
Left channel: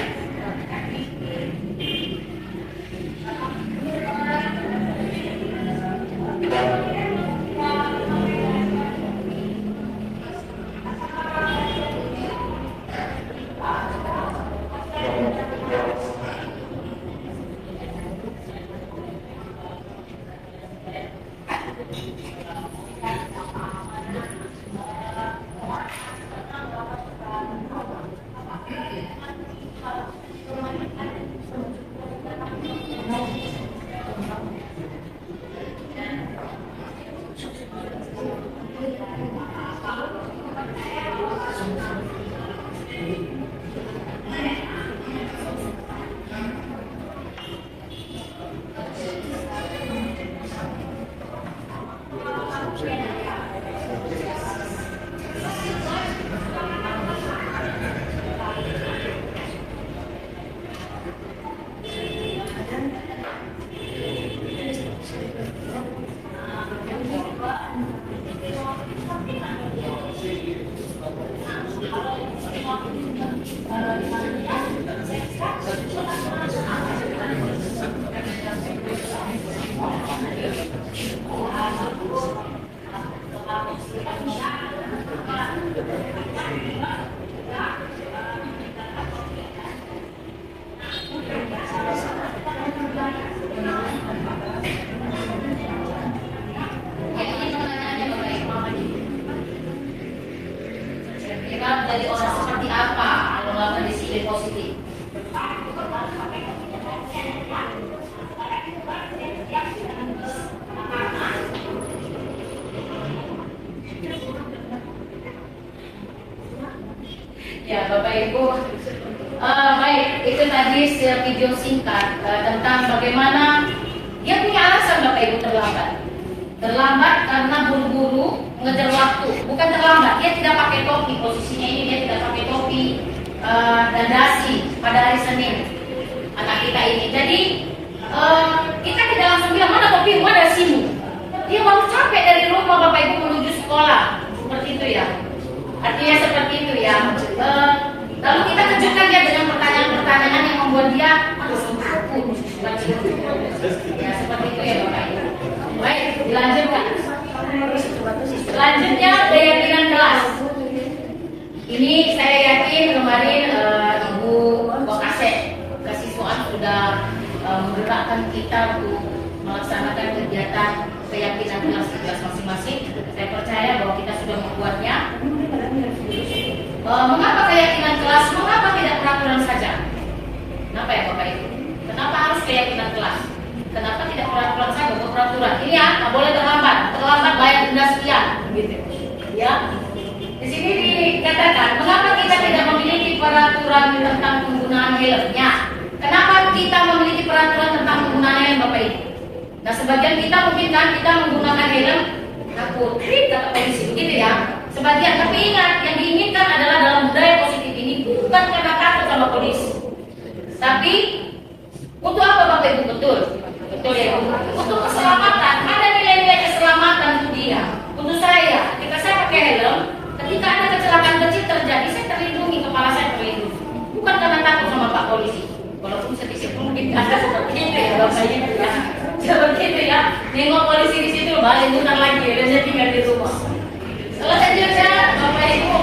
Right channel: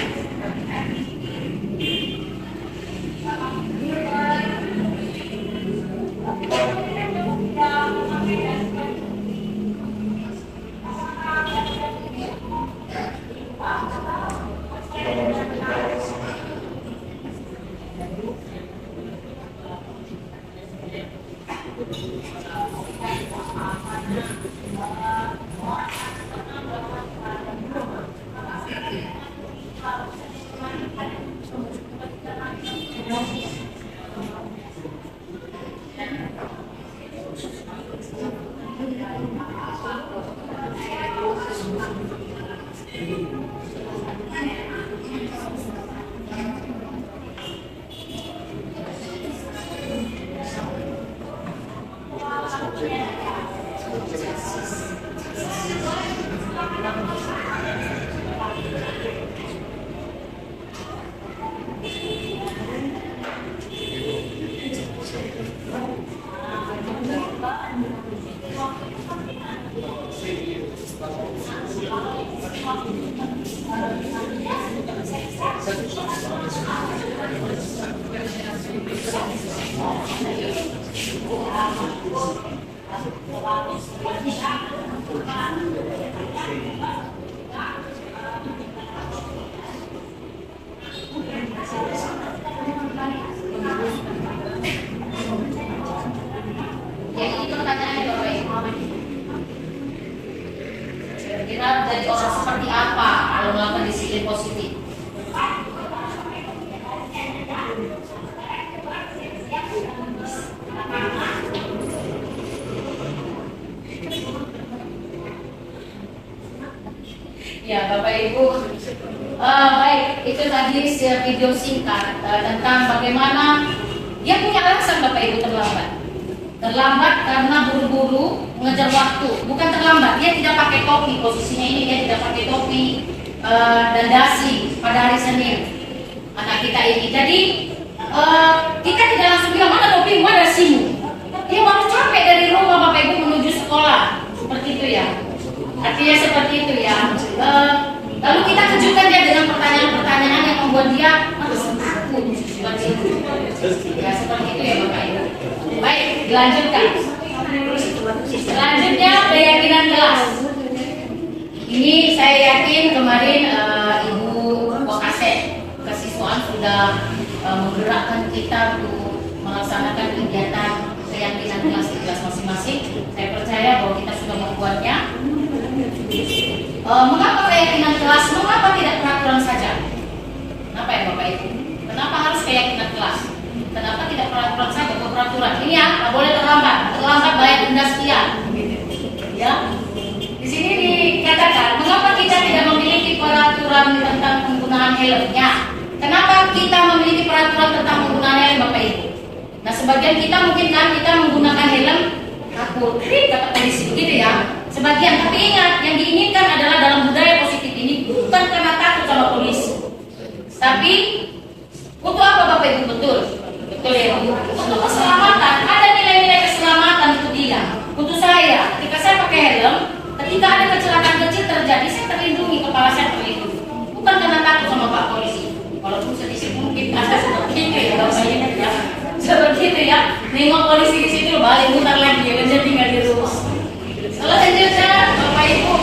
Jadi pertanyaannya Bapak Ibu, kira jadi orang seperti apa kalau melakukan disiplin positif? Ya Bapak Ibu, baik, itu tadi video singkat tentang bagaimana dia punya alasan Bapak Ibu terlambat. Terlambat karena buru-buru mengejar waktu. Bukan terlambat, dia tidak pakai topi. Posisinya ini dia tidak pakai topi dan dasi pada hari Senin. Anak kita ini. Jadi kita tidak langsung bilang mana topi, mana dasimu. Dia baru capek dari rumah Bapak Ibu menuju sekolah. Seperti itu ya. Artinya seperti itu ya. Lalu kita kejutkan dia dengan pertanyaan-pertanyaan yang membuat dia merasa takut. Seperti itu. Ya seperti itu ya Bapak Ibu. Baik, dilanjutkan. Selanjutnya daya pilihan kelas. Ini saya yakin kemarin Ibu Wakasek kesiswaan sudah menggerakkan kita untuk melaksanakan kegiatan keyakinan kelas di kelas masing-masing. Saya percaya bahwa kita sudah membuatnya. Mengapa keyakinan kelas? Mengapa tidak peraturan saja? Kenapa ya Bapak Ibu? Kenapa harus keyakinan kelas? Kenapa tidak peraturan saja? Peraturan ini ya, nggak boleh terlambat. Terlambat bayar denda sekian. Ya. Di sini dikatakan, mengapa kita tidak memiliki peraturan tentang penggunaan helmnya? Kenapa kita memiliki peraturan tentang penggunaan helm Bapak Ibu? Nah sebagian kita mungkin kan kita menggunakan helm takut, kata polisi begitu ya. Sebagian, tapi ingat yang diinginkan adalah dalam budaya positif ini bukan karena takut sama polisi, tapi untuk apa Bapak Ibu? Betul ya. Untuk keselamatan, ada nilai-nilai keselamatan untuk dia. Untuk saya, ketika saya pakai helm, ketika ada kecelakaan kecil terjadi, saya terlindungi, kepala saya terlindungi. Bukan karena takut sama Pak Polisi. Walaupun sedikit mungkin ada seperti itu ya Bapak Ibu ya. Seperti itu ya. Nengok polisi di situ balik mutar lagi, dan dia tinggal di rumah. Selanjutnya Bapak Ibu,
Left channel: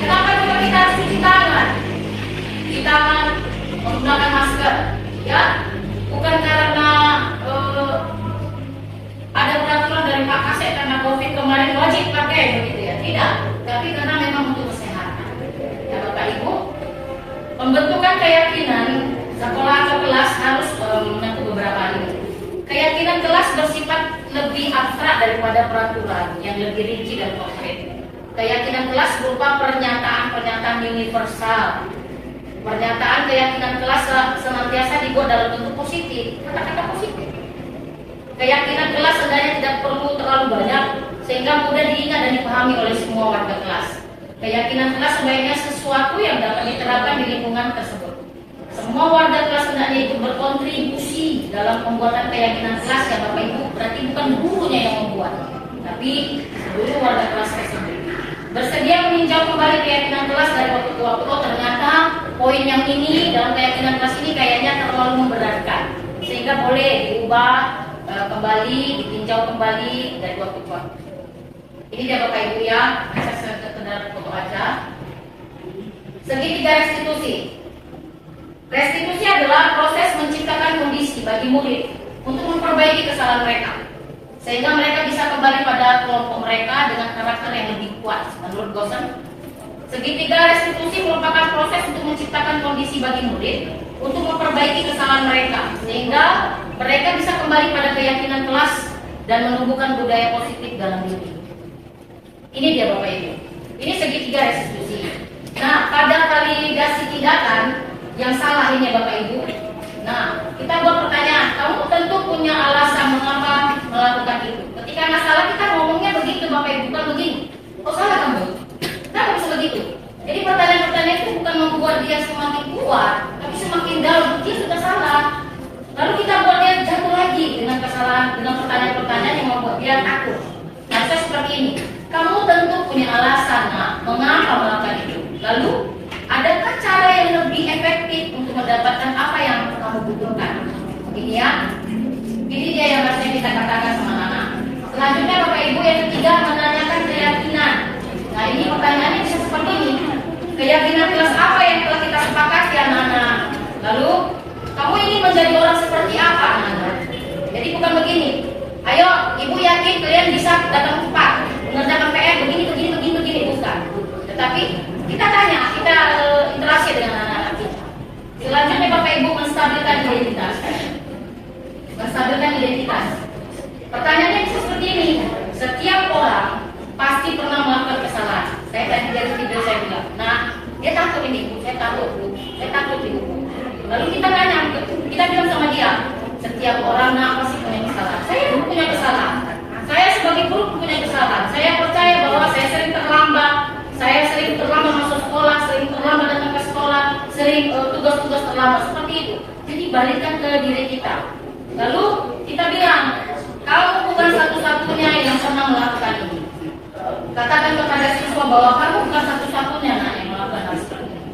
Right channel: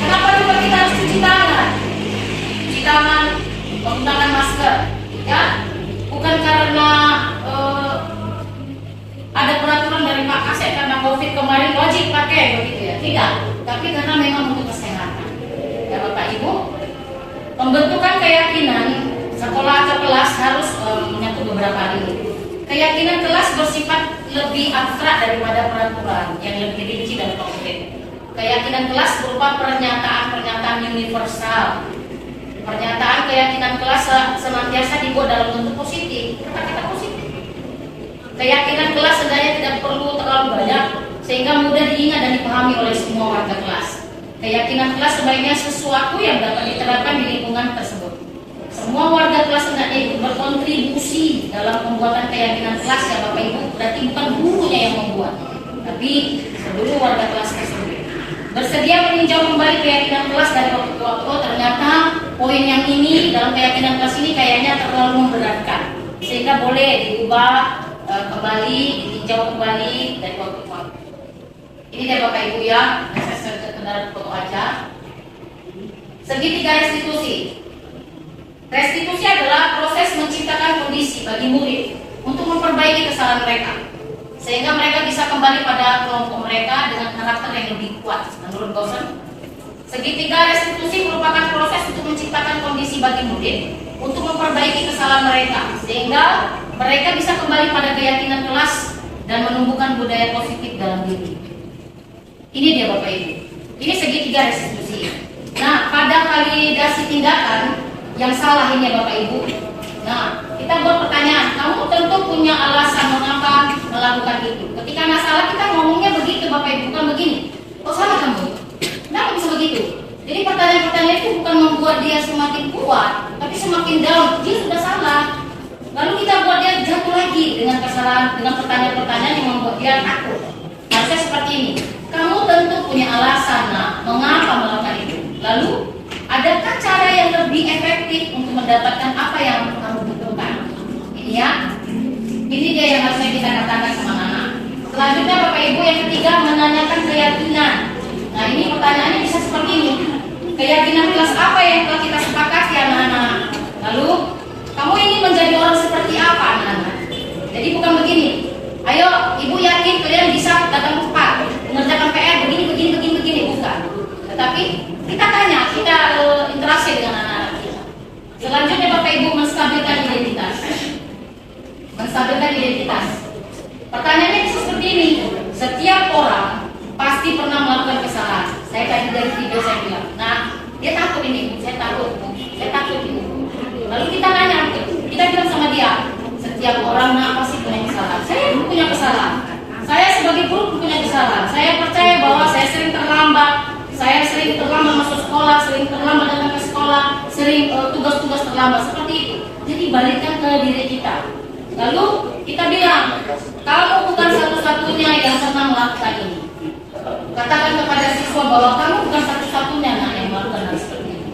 kenapa juga kita harus cuci tangan? Cuci tangan, menggunakan masker, ya? Bukan karena ada peraturan dari Pak Kasek karena COVID kemarin wajib pakai begitu ya? Tidak, tapi karena memang untuk kesehatan. Ya Bapak Ibu, pembentukan keyakinan sekolah atau kelas harus menyentuh beberapa hal ini. Keyakinan kelas bersifat lebih abstrak daripada peraturan yang lebih rinci dan konkret. Keyakinan kelas berupa pernyataan-pernyataan universal. Pernyataan keyakinan kelas senantiasa dibuat dalam bentuk positif, kata-kata positif. Keyakinan kelas sebenarnya tidak perlu terlalu banyak sehingga mudah diingat dan dipahami oleh semua warga kelas. Keyakinan kelas sebaiknya sesuatu yang dapat diterapkan di lingkungan tersebut. Semua warga kelas hendaknya ikut berkontribusi dalam pembuatan keyakinan kelas ya Bapak Ibu. Berarti bukan gurunya yang membuat, tapi seluruh warga kelas tersebut. Bersedia meninjau kembali keyakinan kelas dari waktu ke waktu. Oh ternyata poin yang ini dalam keyakinan kelas ini kayaknya terlalu memberatkan, sehingga boleh diubah kembali, ditinjau kembali dari waktu ke waktu. Ini dia Bapak Ibu ya, saya sekedar foto aja. Segitiga restitusi. Restitusi adalah proses menciptakan kondisi bagi murid untuk memperbaiki kesalahan mereka, sehingga mereka bisa kembali pada kelompok mereka dengan karakter yang lebih kuat. Menurut Gosen, segitiga restitusi merupakan proses untuk menciptakan kondisi bagi murid untuk memperbaiki kesalahan mereka, sehingga mereka bisa kembali pada keyakinan kelas dan menumbuhkan budaya positif dalam diri. Ini dia Bapak Ibu. Ini segitiga restitusi. Nah, pada validasi tindakan yang salah ini ya Bapak Ibu. Nah, kita buat pertanyaan. Kamu tentu punya alasan mengapa melakukan itu. Ketika nggak salah kita ngomongnya begitu Bapak Ibu, bukan begini. Oh salah kamu. Kenapa bisa begitu? Jadi pertanyaan-pertanyaan itu bukan membuat dia semakin kuat, tapi semakin down. Dia sudah salah. Lalu kita buat dia jatuh lagi dengan kesalahan, dengan pertanyaan-pertanyaan yang membuat dia takut. Harusnya seperti ini. Kamu tentu punya alasan, nah, mengapa melakukan itu. Lalu ada adakah cara yang lebih efektif untuk mendapatkan apa yang kamu butuhkan? Ini ya, ini dia yang harusnya kita katakan sama anak. Selanjutnya Bapak Ibu yang ketiga menanyakan keyakinan. Nah ini pertanyaannya bisa seperti ini. Keyakinan kelas apa yang telah kita sepakati anak-anak? Lalu kamu ingin menjadi orang seperti apa anak-anak? Jadi bukan begini. Ayo ibu yakin kalian bisa datang tepat mengerjakan PR begini bukan. Tetapi kita tanya, kita interaksi dengan anak-anak kita. Selanjutnya Bapak Ibu menstabilkan identitas. Menstabilkan identitas. Pertanyaannya bisa seperti ini. Setiap orang pasti pernah melakukan kesalahan. Saya tadi dari video saya bilang, nah dia takut ini, saya takut ibu. Lalu kita tanya, kita bilang sama dia, setiap orang pasti punya kesalahan. Saya punya kesalahan. Saya sebagai guru punya kesalahan. Saya percaya bahwa saya sering terlambat. Saya sering terlambat masuk sekolah, sering terlambat datang ke sekolah, sering tugas-tugas terlambat seperti itu. Jadi balikkan ke diri kita. Lalu kita bilang, kamu bukan satu-satunya yang pernah melakukan ini. Katakan kepada siswa bahwa kamu bukan satu-satunya yang melakukan hal seperti ini.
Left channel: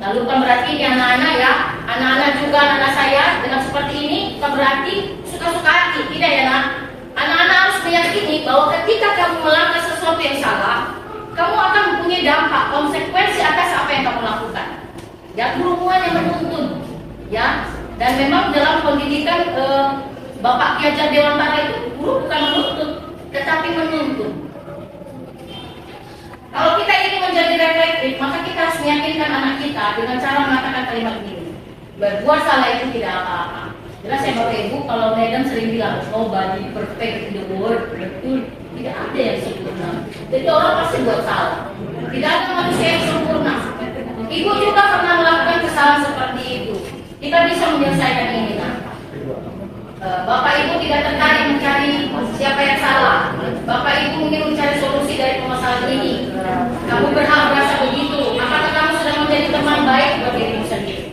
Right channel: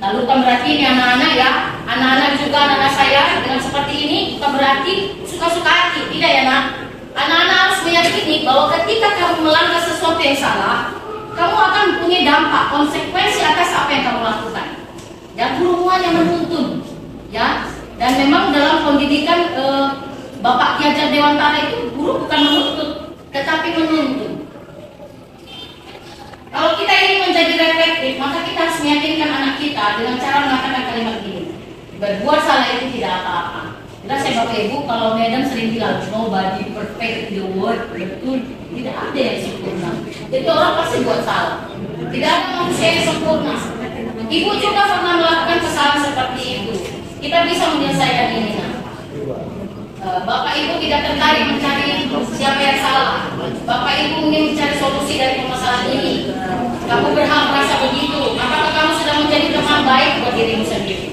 Lalu bukan berarti ini anak-anak ya, anak-anak juga anak saya dengan seperti ini bukan berarti suka-suka hati, tidak ya nak. Anak-anak harus meyakini bahwa ketika kamu melangkah sesuatu yang salah, kamu akan punya dampak, konsekuensi atas apa yang kamu lakukan. Ya, guru yang menuntun, ya. Dan memang dalam pendidikan Bapak Ki Hajar Dewantara itu guru bukan menuntut, tetapi menuntun. Kalau kita ingin menjadi reflektif, maka kita harus meyakinkan anak kita dengan cara mengatakan kalimat ini. Berbuat salah itu tidak apa-apa. Jelas saya Bapak Ibu, kalau Medan sering bilang nobody perfect in the world, betul, tidak ada yang sempurna. Jadi orang pasti buat salah. Tidak ada manusia yang sempurna. Ibu juga pernah melakukan kesalahan seperti itu. Kita bisa menyelesaikan ini. Bapak Ibu tidak tertarik mencari siapa yang salah. Bapak Ibu ingin mencari solusi dari permasalahan ini. Kamu berhak merasa begitu. Apakah kamu sudah menjadi teman baik buat dirimu sendiri?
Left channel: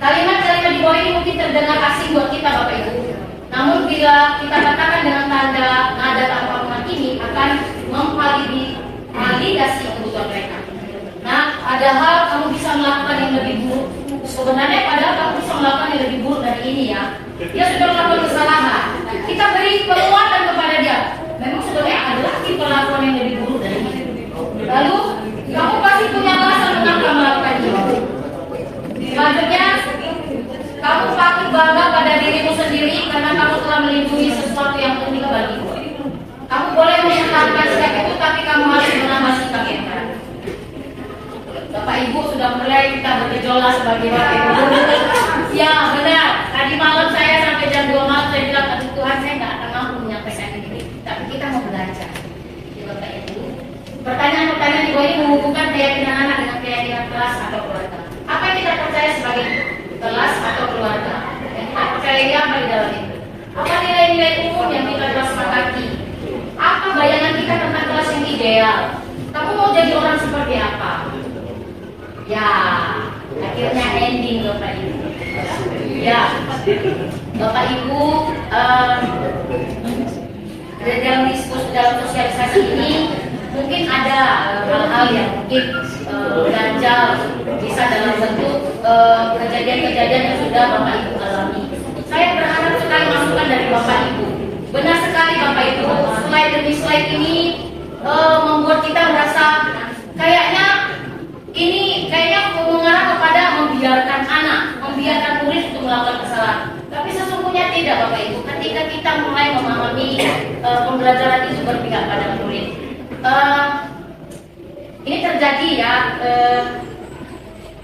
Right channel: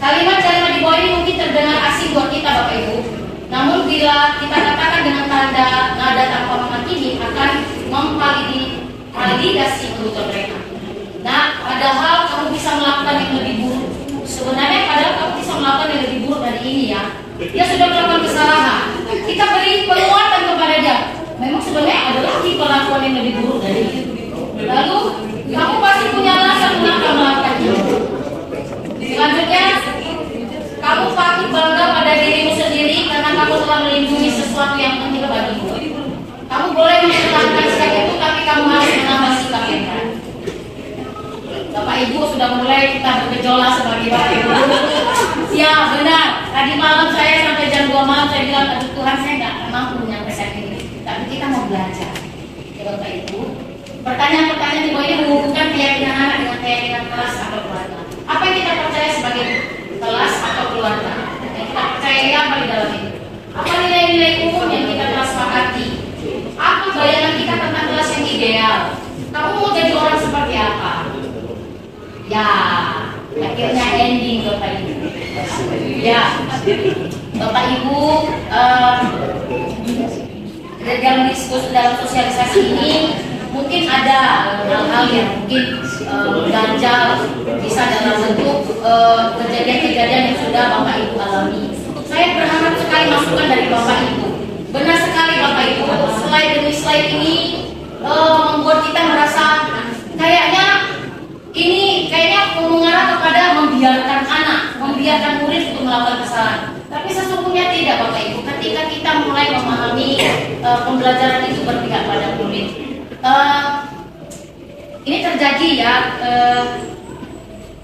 Kalimat-kalimat di bawah ini mungkin terdengar asing buat kita Bapak Ibu. Namun bila kita katakan dengan tanda nada tanpa menghakimi akan memvalidasi kebutuhan mereka. Nah, padahal kamu bisa melakukan yang lebih buruk. Sebenarnya padahal kamu bisa melakukan yang lebih buruk dari ini ya. Dia sudah melakukan kesalahan. Kita beri penguatan kepada dia. Memang sebenarnya ada lagi perlakuan yang lebih buruk dari ini. Lalu kamu pasti punya alasan mengapa melakukan itu. Selanjutnya, kamu patut bangga pada dirimu sendiri karena kamu telah melindungi sesuatu yang penting bagimu. Kamu boleh mempertahankan sikap itu, tapi kamu harus menambah sikap yang baik. Bapak Ibu sudah mulai kita bergejolak sebagai Bapak Ibu. Ya benar. Tadi malam saya sampai jam 2 malam saya bilang, aduh Tuhan saya nggak akan mampu menyampaikan ini. Tapi kita mau belajar. Ya Bapak Ibu. Pertanyaan-pertanyaan di bawah ini menghubungkan keyakinan anak dengan keyakinan kelas atau keluarga. Apa yang kita percaya sebagai kelas atau keluarga? Yang kita percaya apa di dalam itu? Apa nilai-nilai umum yang kita telah sepakati? Apa bayangan kita tentang kelas yang ideal? Kamu mau jadi orang seperti apa? Ya, akhirnya ending Bapak Ibu. Ya, Bapak Ibu, dalam diskusi dalam sosialisasi ini mungkin ada hal-hal yang mungkin ganjal, bisa dalam bentuk kejadian-kejadian yang sudah Bapak Ibu alami. Saya berharap sekali masukan dari Bapak Ibu. Benar sekali Bapak Ibu, slide demi slide ini membuat kita merasa kayaknya mengarah kepada membiarkan anak, membiarkan murid untuk melakukan kesalahan. Tapi sesungguhnya tidak Bapak Ibu. Ketika kita mulai memahami pembelajaran itu berpihak pada murid, ini terjadi ya.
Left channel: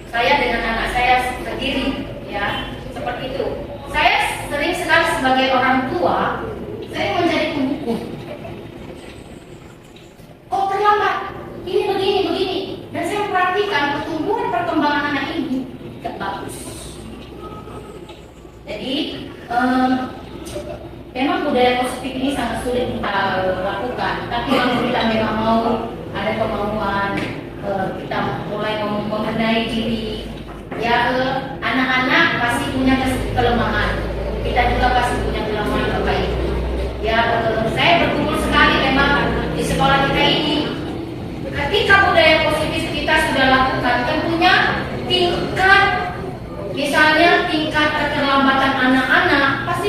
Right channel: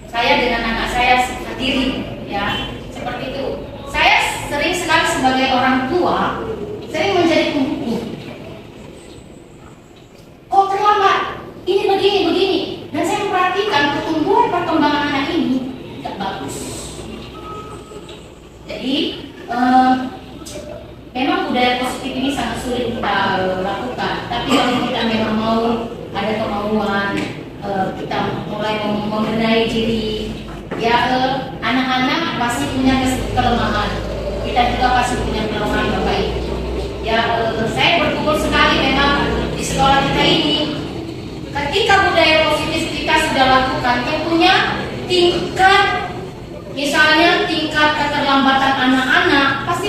Saya dengan anak saya sendiri ya seperti itu. Saya sering sekali sebagai orang tua sering menjadi pembuku. Oh terlambat, ini begini. Dan saya perhatikan perkembangan anak ini tidak bagus. Jadi memang budaya positif ini sangat sulit kita lakukan. Tapi kalau kita memang mau ada kemauan, kita mulai membenahi diri. Ya anak-anak pasti punya kelemahan. Kita juga pasti punya kelemahan Bapak Ibu. Ya saya berkumpul sekali memang di sekolah kita ini. Ketika budaya positif kita sudah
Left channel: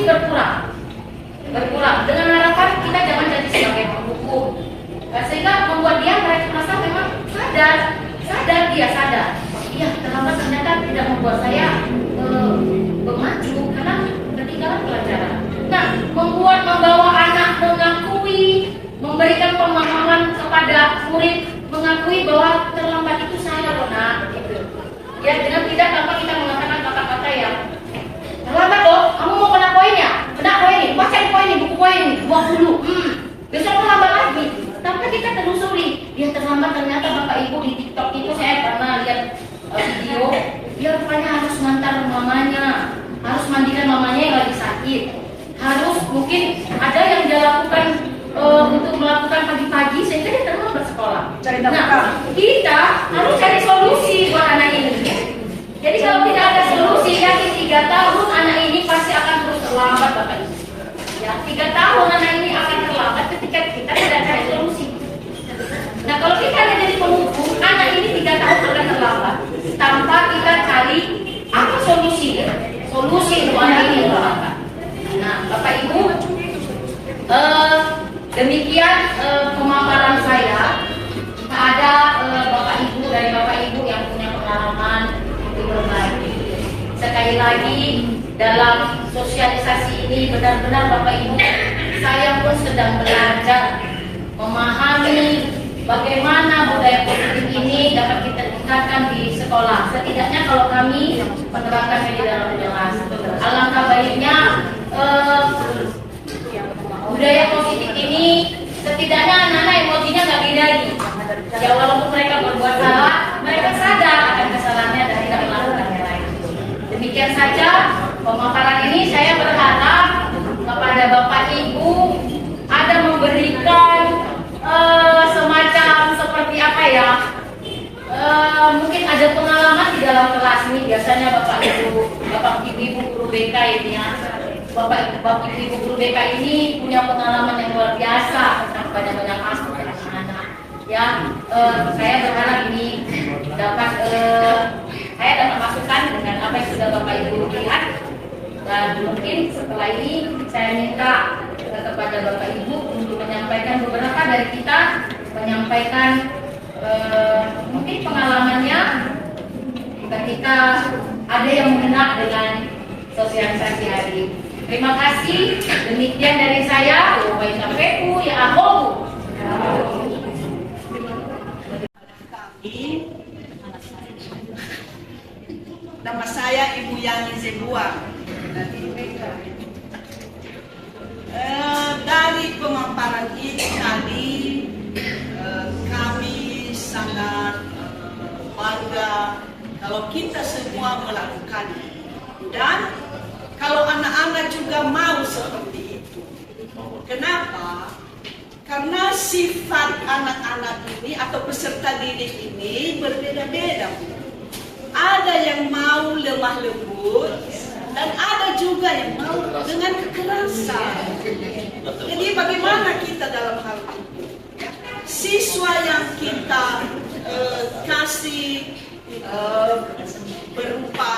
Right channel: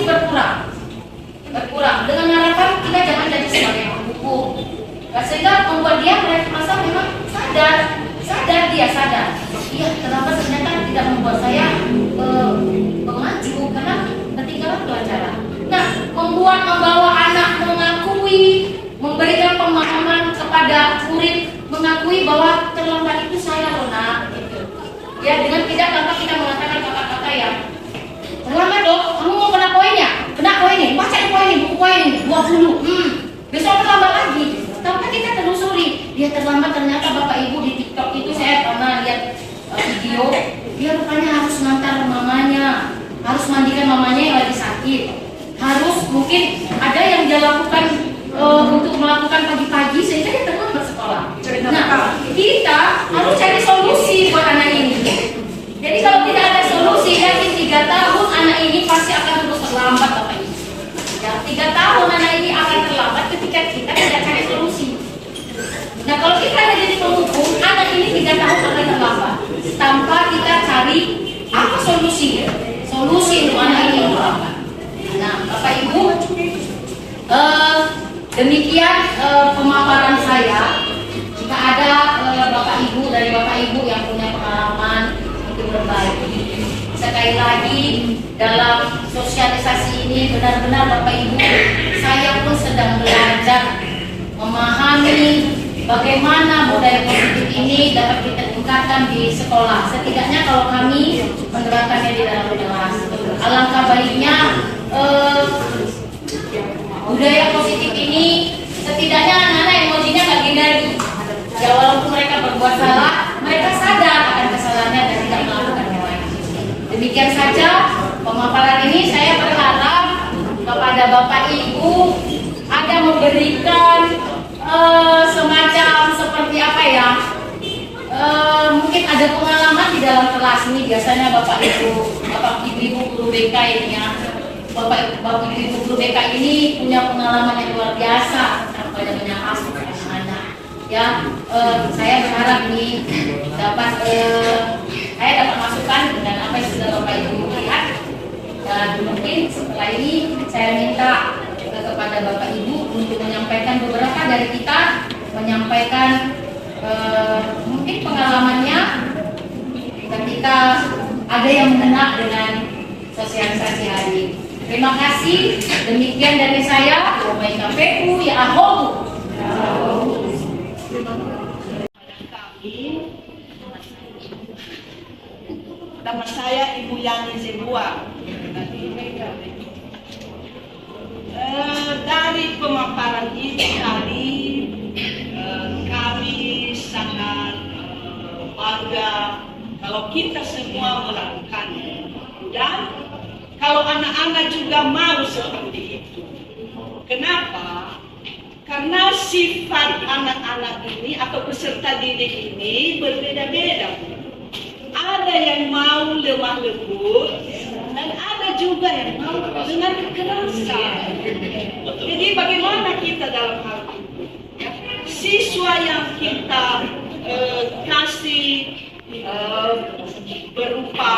pasti berkurang dengan harapan kita jangan jadi sebagai penghukum. Sehingga membuat dia merasa memang sadar iya terlambat ternyata tidak membuat saya maju karena ketinggalan pelajaran. Nah, membawa anak mengakui, memberikan pemahaman kepada murid, mengakui bahwa terlambat itu salah loh nak, gitu. Ya, dengan tidak tanpa kita mengatakan kata-kata yang terlambat loh, kamu mau kena poinnya, baca di poin ini, buku poin ini, 20, besok terlambat lagi. Tanpa kita telusuri, dia terlambat ternyata Bapak Ibu di TikTok itu saya pernah lihat video, dia rupanya harus ngantar mamanya, harus mandikan mamanya yang lagi sakit, harus mungkin ada yang dia lakukan untuk melakukan pagi-pagi sehingga dia terlambat sekolah. Nah, kita harus cari solusi buat anak ini. Jadi kalau tidak ada solusi, yakin 3 tahun anak ini pasti akan terus terlambat Bapak Ibu. Ya, 3 tahun anak ini akan terlambat ketika kita tidak cari solusi. Nah, kalau kita ada jadi penghukum, anak ini 3 tahun akan terlambat tanpa kita cari apa solusi untuk anak ini terlambat. Nah, Bapak Ibu, demikian pemaparan saya. Jika ada Bapak Ibu yang punya pengalaman untuk berbagi, sekali lagi dalam sosialisasi ini benar-benar Bapak Ibu, saya pun sedang belajar memahami bagaimana budaya positif ini dapat kita tingkatkan di sekolah. Setidaknya kalau kami menerapkannya di dalam kelas, alangkah baiknya budaya positif ini setidaknya anak-anak emosinya nggak gini-gini. Ya walaupun mereka berbuat salah, mereka sadar akan kesalahannya dan tidak melakukannya lagi. Demikian saja pemaparan ini. Saya berharap kepada Bapak Ibu ada memberikan semacam seperti apa ya? Mungkin ada pengalaman di dalam kelas ini. Biasanya Bapak Ibu guru BK ini ya. Bapak Ibu guru BK ini punya pengalaman yang luar biasa tentang banyak kasus anak-anak. Ya, saya berharap ini dapat saya dapat masukan dengan apa yang sudah Bapak Ibu lihat. Dan mungkin setelah ini saya minta kepada Bapak Ibu untuk menyampaikan beberapa dari kita, menyampaikan mungkin pengalamannya ketika ada yang mengena dengan sosialisasi hari ini. Terima kasih. Demikian dari saya. Wabarakatuh. Ya ahohu. Nama saya Ibu Yani Zebua. Dari pemaparan ini tadi kami sangat bangga kalau kita semua melakukannya, dan kalau anak-anak juga mau seperti itu. Kenapa? Karena sifat anak-anak ini atau peserta didik ini berbeda-beda. Ada yang mau lemah lembut dan ada juga yang mau dengan kekerasan. Jadi bagaimana kita dalam hal itu? Ya, siswa yang kita kasih berupa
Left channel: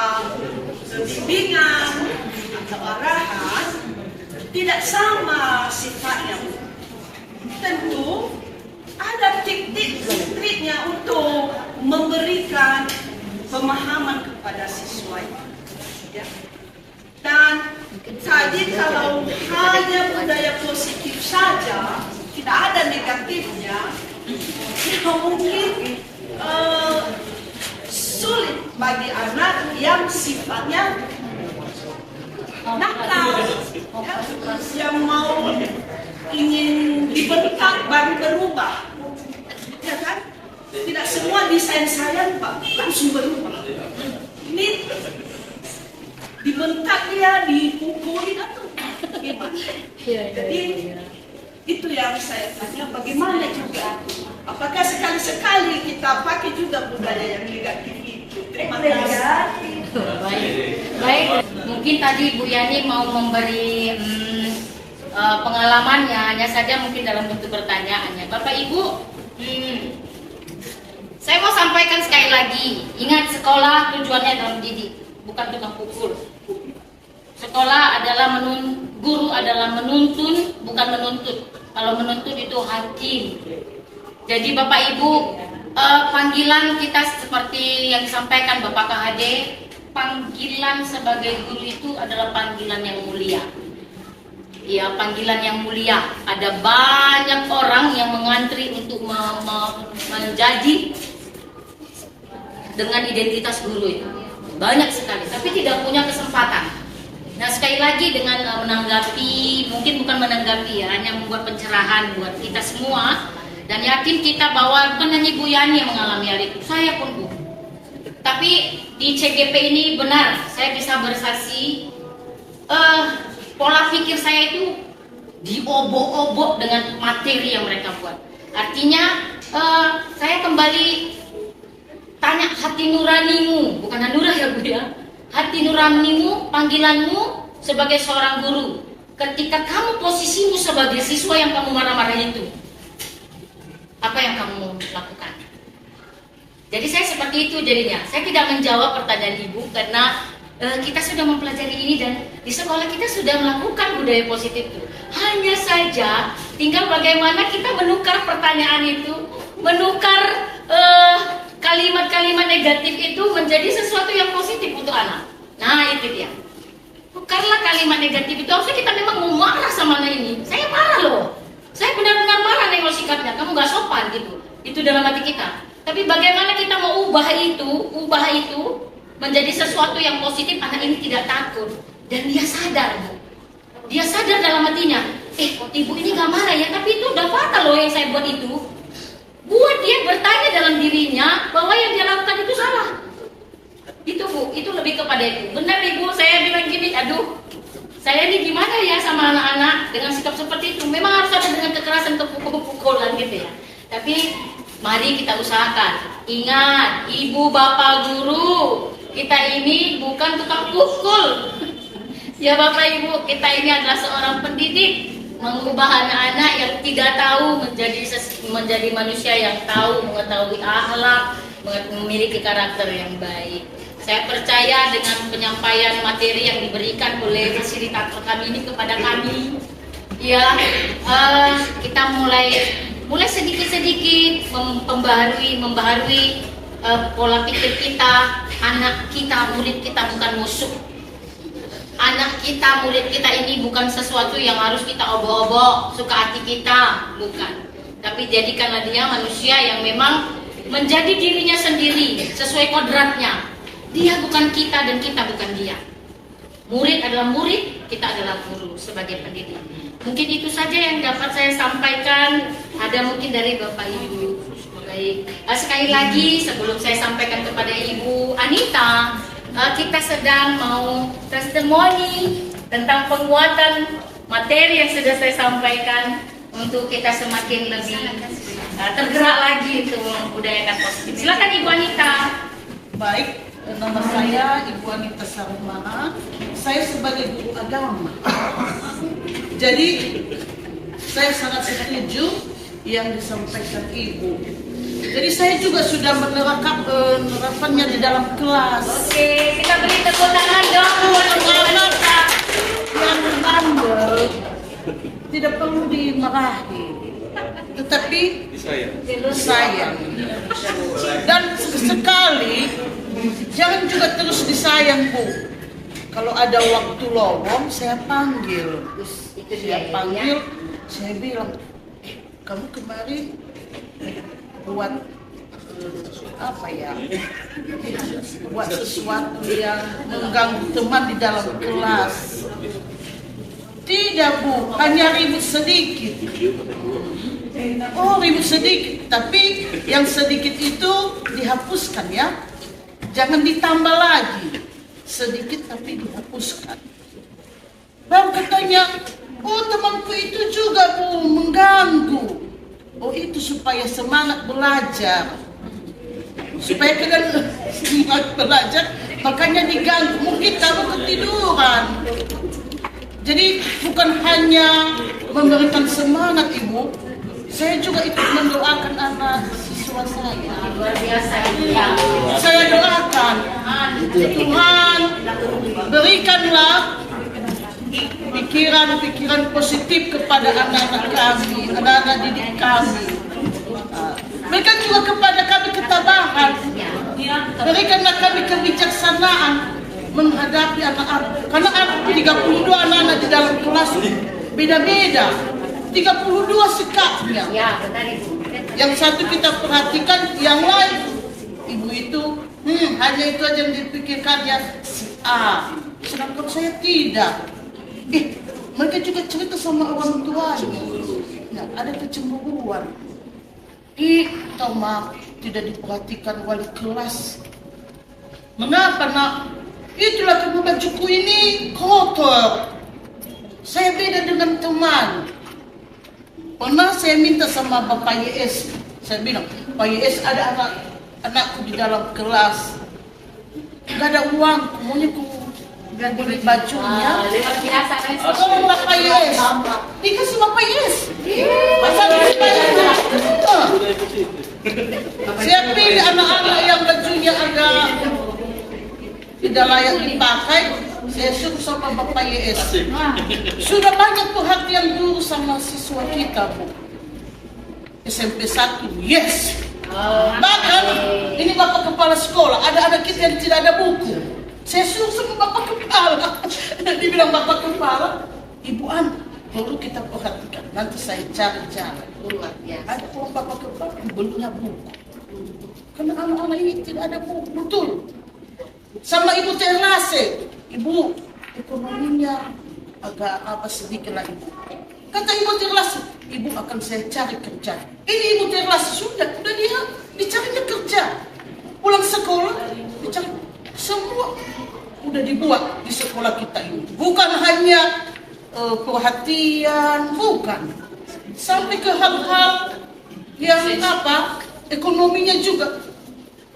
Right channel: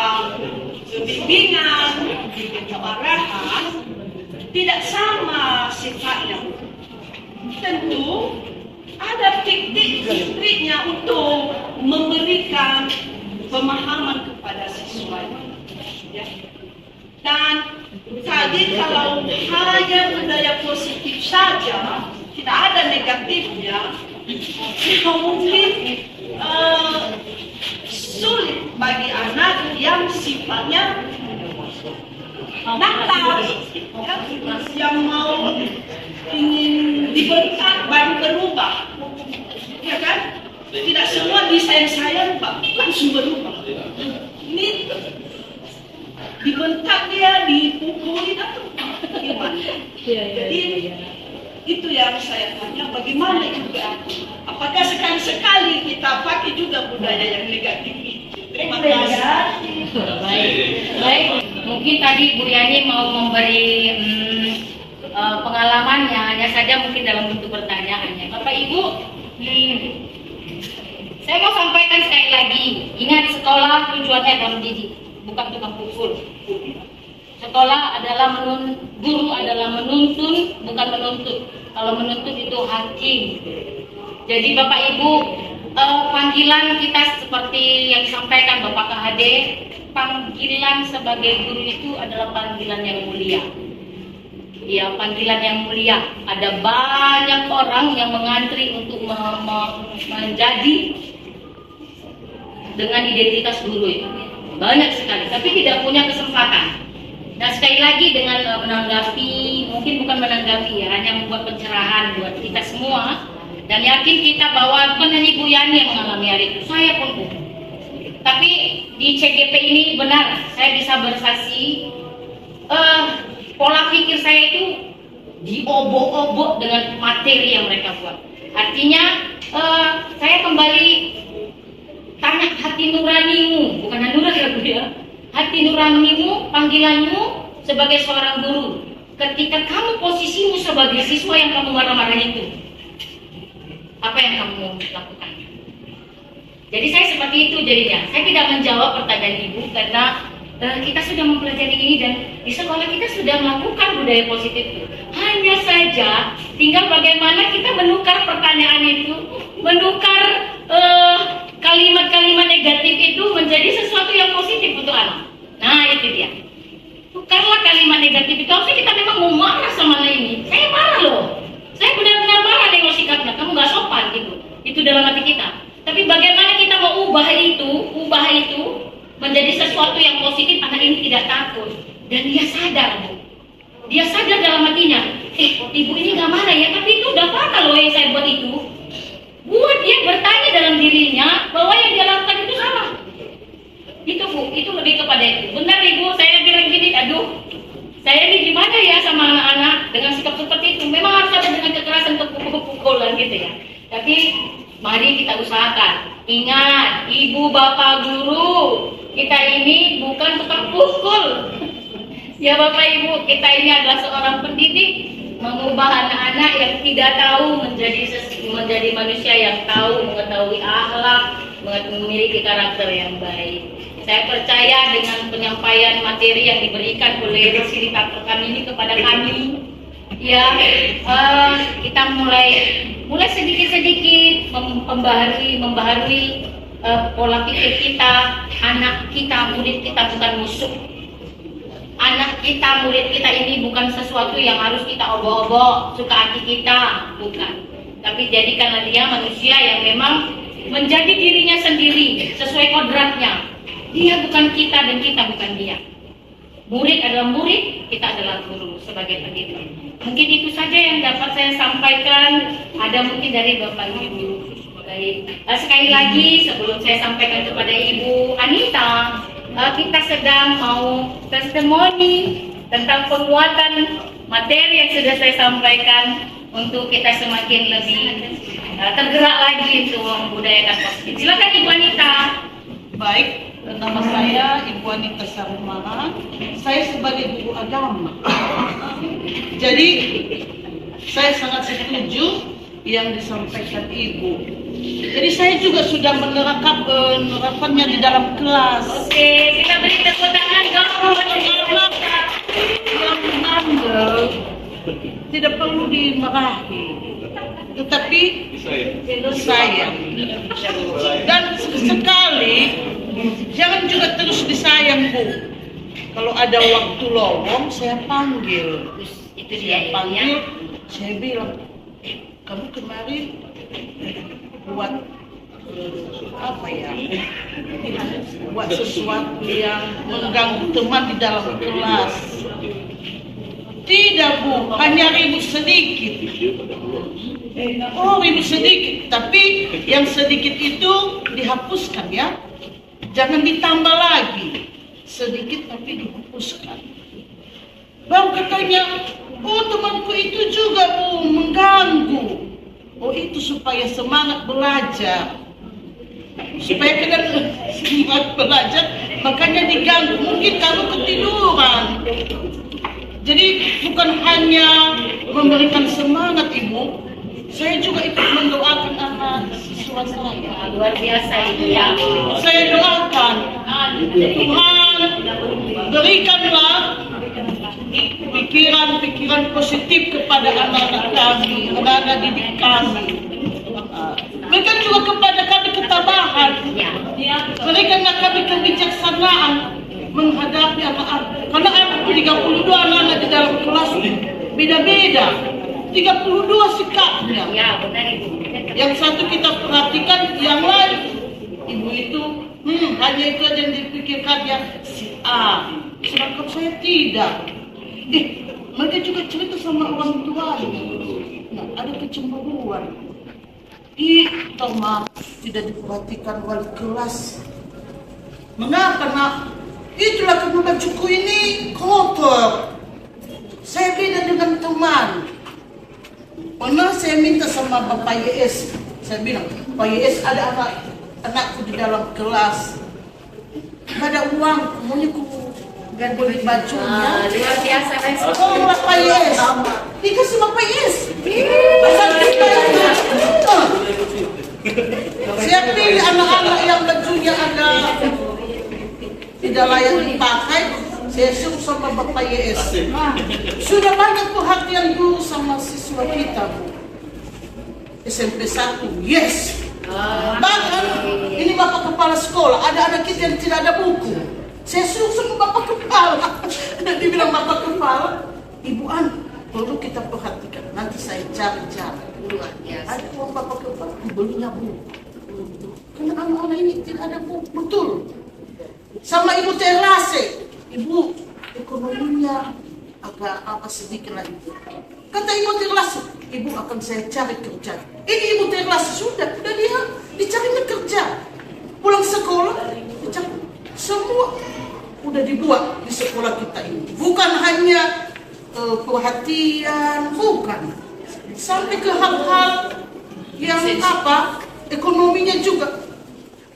bimbingan atau arahan tidak sama sifatnya. Tentu ada trik-triknya untuk memberikan pemahaman kepada siswa. Ya. Dan tadi kalau hanya budaya positif saja, tidak ada negatifnya, mungkin sulit bagi anak yang sifatnya nakal, ya, yang mau ingin dibentak baru berubah, ya kan? Tidak semua disayang-sayang langsung berubah. Ini dibentak dia, dipukuli atau gimana? Jadi itu yang saya tanya, bagaimana juga? Apakah sekali-sekali kita pakai juga budaya yang negatif itu? Terima kasih. Baik. Mungkin tadi Bu Yani mau memberi pengalamannya, hanya saja mungkin dalam bentuk pertanyaannya. Bapak Ibu, saya mau sampaikan sekali lagi, ingat sekolah tujuannya adalah mendidik, bukan tukang pukul. Sekolah adalah guru adalah menuntun, bukan menuntut. Kalau menuntut itu hakim. Jadi Bapak Ibu, panggilan kita seperti yang disampaikan Bapak KHD, panggilan sebagai guru itu adalah panggilan yang mulia. Ya, panggilan yang mulia. Ada banyak orang yang mengantri untuk menjadi dengan identitas guru itu. Banyak sekali, tapi tidak punya kesempatan. Nah, sekali lagi dengan menanggapi, mungkin bukan menanggapi ya, hanya membuat pencerahan buat kita semua, dan yakin kita bahwa bukan hanya Ibu Yani yang mengalami hal itu, saya pun Bu. Tapi di CGP ini benar, saya bisa bersaksi, pola pikir saya itu diobok-obok dengan materi yang mereka buat. Artinya saya kembali tanya hati nuranimu, bukan Hanura ya Bu ya. Hati nuranimu, panggilanmu sebagai seorang guru. Ketika kamu posisimu sebagai siswa yang kamu marah-marah itu, apa yang kamu lakukan? Jadi saya seperti itu jadinya. Saya tidak menjawab pertanyaan Ibu karena kita sudah mempelajari ini dan di sekolah kita sudah melakukan budaya positif itu. Hanya saja tinggal bagaimana kita menukar pertanyaan itu, menukar kalimat-kalimat negatif itu menjadi sesuatu yang positif untuk anak. Nah itu dia. Tukarlah kalimat negatif itu. Harusnya kita memang mau marah sama anak ini. Saya marah loh. Saya benar-benar marah nengok sikapnya. Kamu gak sopan gitu. Itu dalam hati kita. Tapi bagaimana kita mau ubah itu menjadi sesuatu yang positif. Anak ini tidak takut dan dia sadar Bu. Dia sadar dalam hatinya. Ibu ini gak marah ya. Tapi itu udah fatal loh yang saya buat itu. Buat dia bertanya dalam dirinya bahwa yang dia lakukan itu salah. Itu Bu, itu lebih kepada itu. Benar Ibu, saya bilang gini, aduh, saya ini gimana ya sama anak-anak dengan sikap seperti itu. Memang harus ada dengan kekerasan, kepukul-pukulan gitu ya. Tapi mari kita usahakan. Ingat, Ibu Bapak Guru, kita ini bukan tukang pukul. Ya Bapak Ibu, kita ini adalah seorang pendidik. Mengubah anak-anak yang tidak tahu menjadi manusia yang tahu, mengetahui akhlak, memiliki karakter yang baik. Saya percaya dengan penyampaian materi yang diberikan oleh fasilitator kami ini kepada kami, ya kita mulai sedikit-sedikit membaharui pola pikir kita. Anak kita, murid kita bukan musuh. Anak kita, murid kita ini bukan sesuatu yang harus kita obok-obok, suka hati kita, bukan. Tapi jadikanlah dia manusia yang memang menjadi dirinya sendiri, sesuai kodratnya. Dia bukan kita dan kita bukan dia. Murid adalah murid, kita adalah guru sebagai pendidik. Mungkin itu saja yang dapat saya sampaikan. Ada mungkin dari Bapak Ibu. Baik. Sekali lagi sebelum saya sampaikan kepada Ibu Anita, kita sedang mau testimoni tentang penguatan materi yang sudah saya sampaikan untuk kita semakin lebih tergerak lagi untuk membudayakan positif. Silakan Ibu Anita. Baik, nama saya Ibu Anita Sarumana. Saya sebagai guru agama. Jadi saya sangat setuju yang disampaikan Ibu. Jadi saya juga sudah menerapkannya di dalam kelas. Oke, kita beri tepuk tangan dong. Anak yang mengandel tidak perlu dimarahi, tetapi disayang. Dan sekali jangan juga terus disayang Bu. Kalau ada waktu lowong saya panggil. Itu dia Panggil, saya bilang, kamu kemarin buat apa ya? Buat sesuatu yang mengganggu teman di dalam kelas. Tidak Bu, hanya ribut sedikit. Oh, ribut sedikit, tapi yang sedikit itu dihapuskan ya. Jangan ditambah lagi. Sedikit tapi dihapuskan. Baru katanya, oh temanku itu juga Bu mengganggu. Oh itu supaya semangat belajar. Supaya kalian semangat belajar, makanya diganggu. Mungkin kamu ketiduran. Jadi bukan hanya memberikan semangat Ibu, saya juga ikut mendoakan anak siswa saya. Luar biasa ya. Saya doakan, Tuhan berikanlah pikiran positif kepada anak-anak kami, anak-anak didik kami. Mereka juga kepada kami ketabahan. Berikan kami kebijaksanaan menghadapi anak-anak. Karena 32 anak-anak di dalam kelas beda-beda. 32 sikapnya. Yang satu kita perhatikan, yang lain ibu itu hanya itu aja yang dipikirkan ya si A. Sedangkan saya tidak. Mereka juga cerita sama orang tuanya. Nah, ada kecemburuan. Toma tidak diperhatikan wali kelas. Mengapa nak? Itulah karena bajuku ini kotor. Saya beda dengan teman. Pernah saya minta sama Bapak YS. Saya bilang, Pak YS ada anakku di dalam kelas. Gak ada uang, maunya ku beli bajunya. Luar biasa. Tolong Bapak YS. Dikasih Bapak YS. Pasal kita itu. Saya pilih anak-anak yang bajunya agak tidak layak dipakai. Saya suruh sama Bapak YS. Sudah banyak perhatian guru sama siswa kita, Bu. SMP 1, yes. Bahkan ini Bapak Kepala Sekolah, ada anak kita yang tidak ada buku. Saya suruh sama Bapak Kepala. Dia bilang, Bapak Kepala, Ibu An, perlu kita perhatikan. Nanti saya cari cara. Ada uang Bapak Kepala, belinya buku. Karena anak-anak ini tidak ada buku, betul. Sama Ibu Terlase, Ibu ekonominya agak sedikit lah Ibu. Kata Ibu Terlase, Ibu akan saya cari kerja. Ini Ibu Terlase sudah dia dicarinya kerja. Pulang sekolah, dicari semua udah dibuat di sekolah kita ini. Bukan hanya perhatian, bukan. Sampai ke hal-hal yang ekonominya juga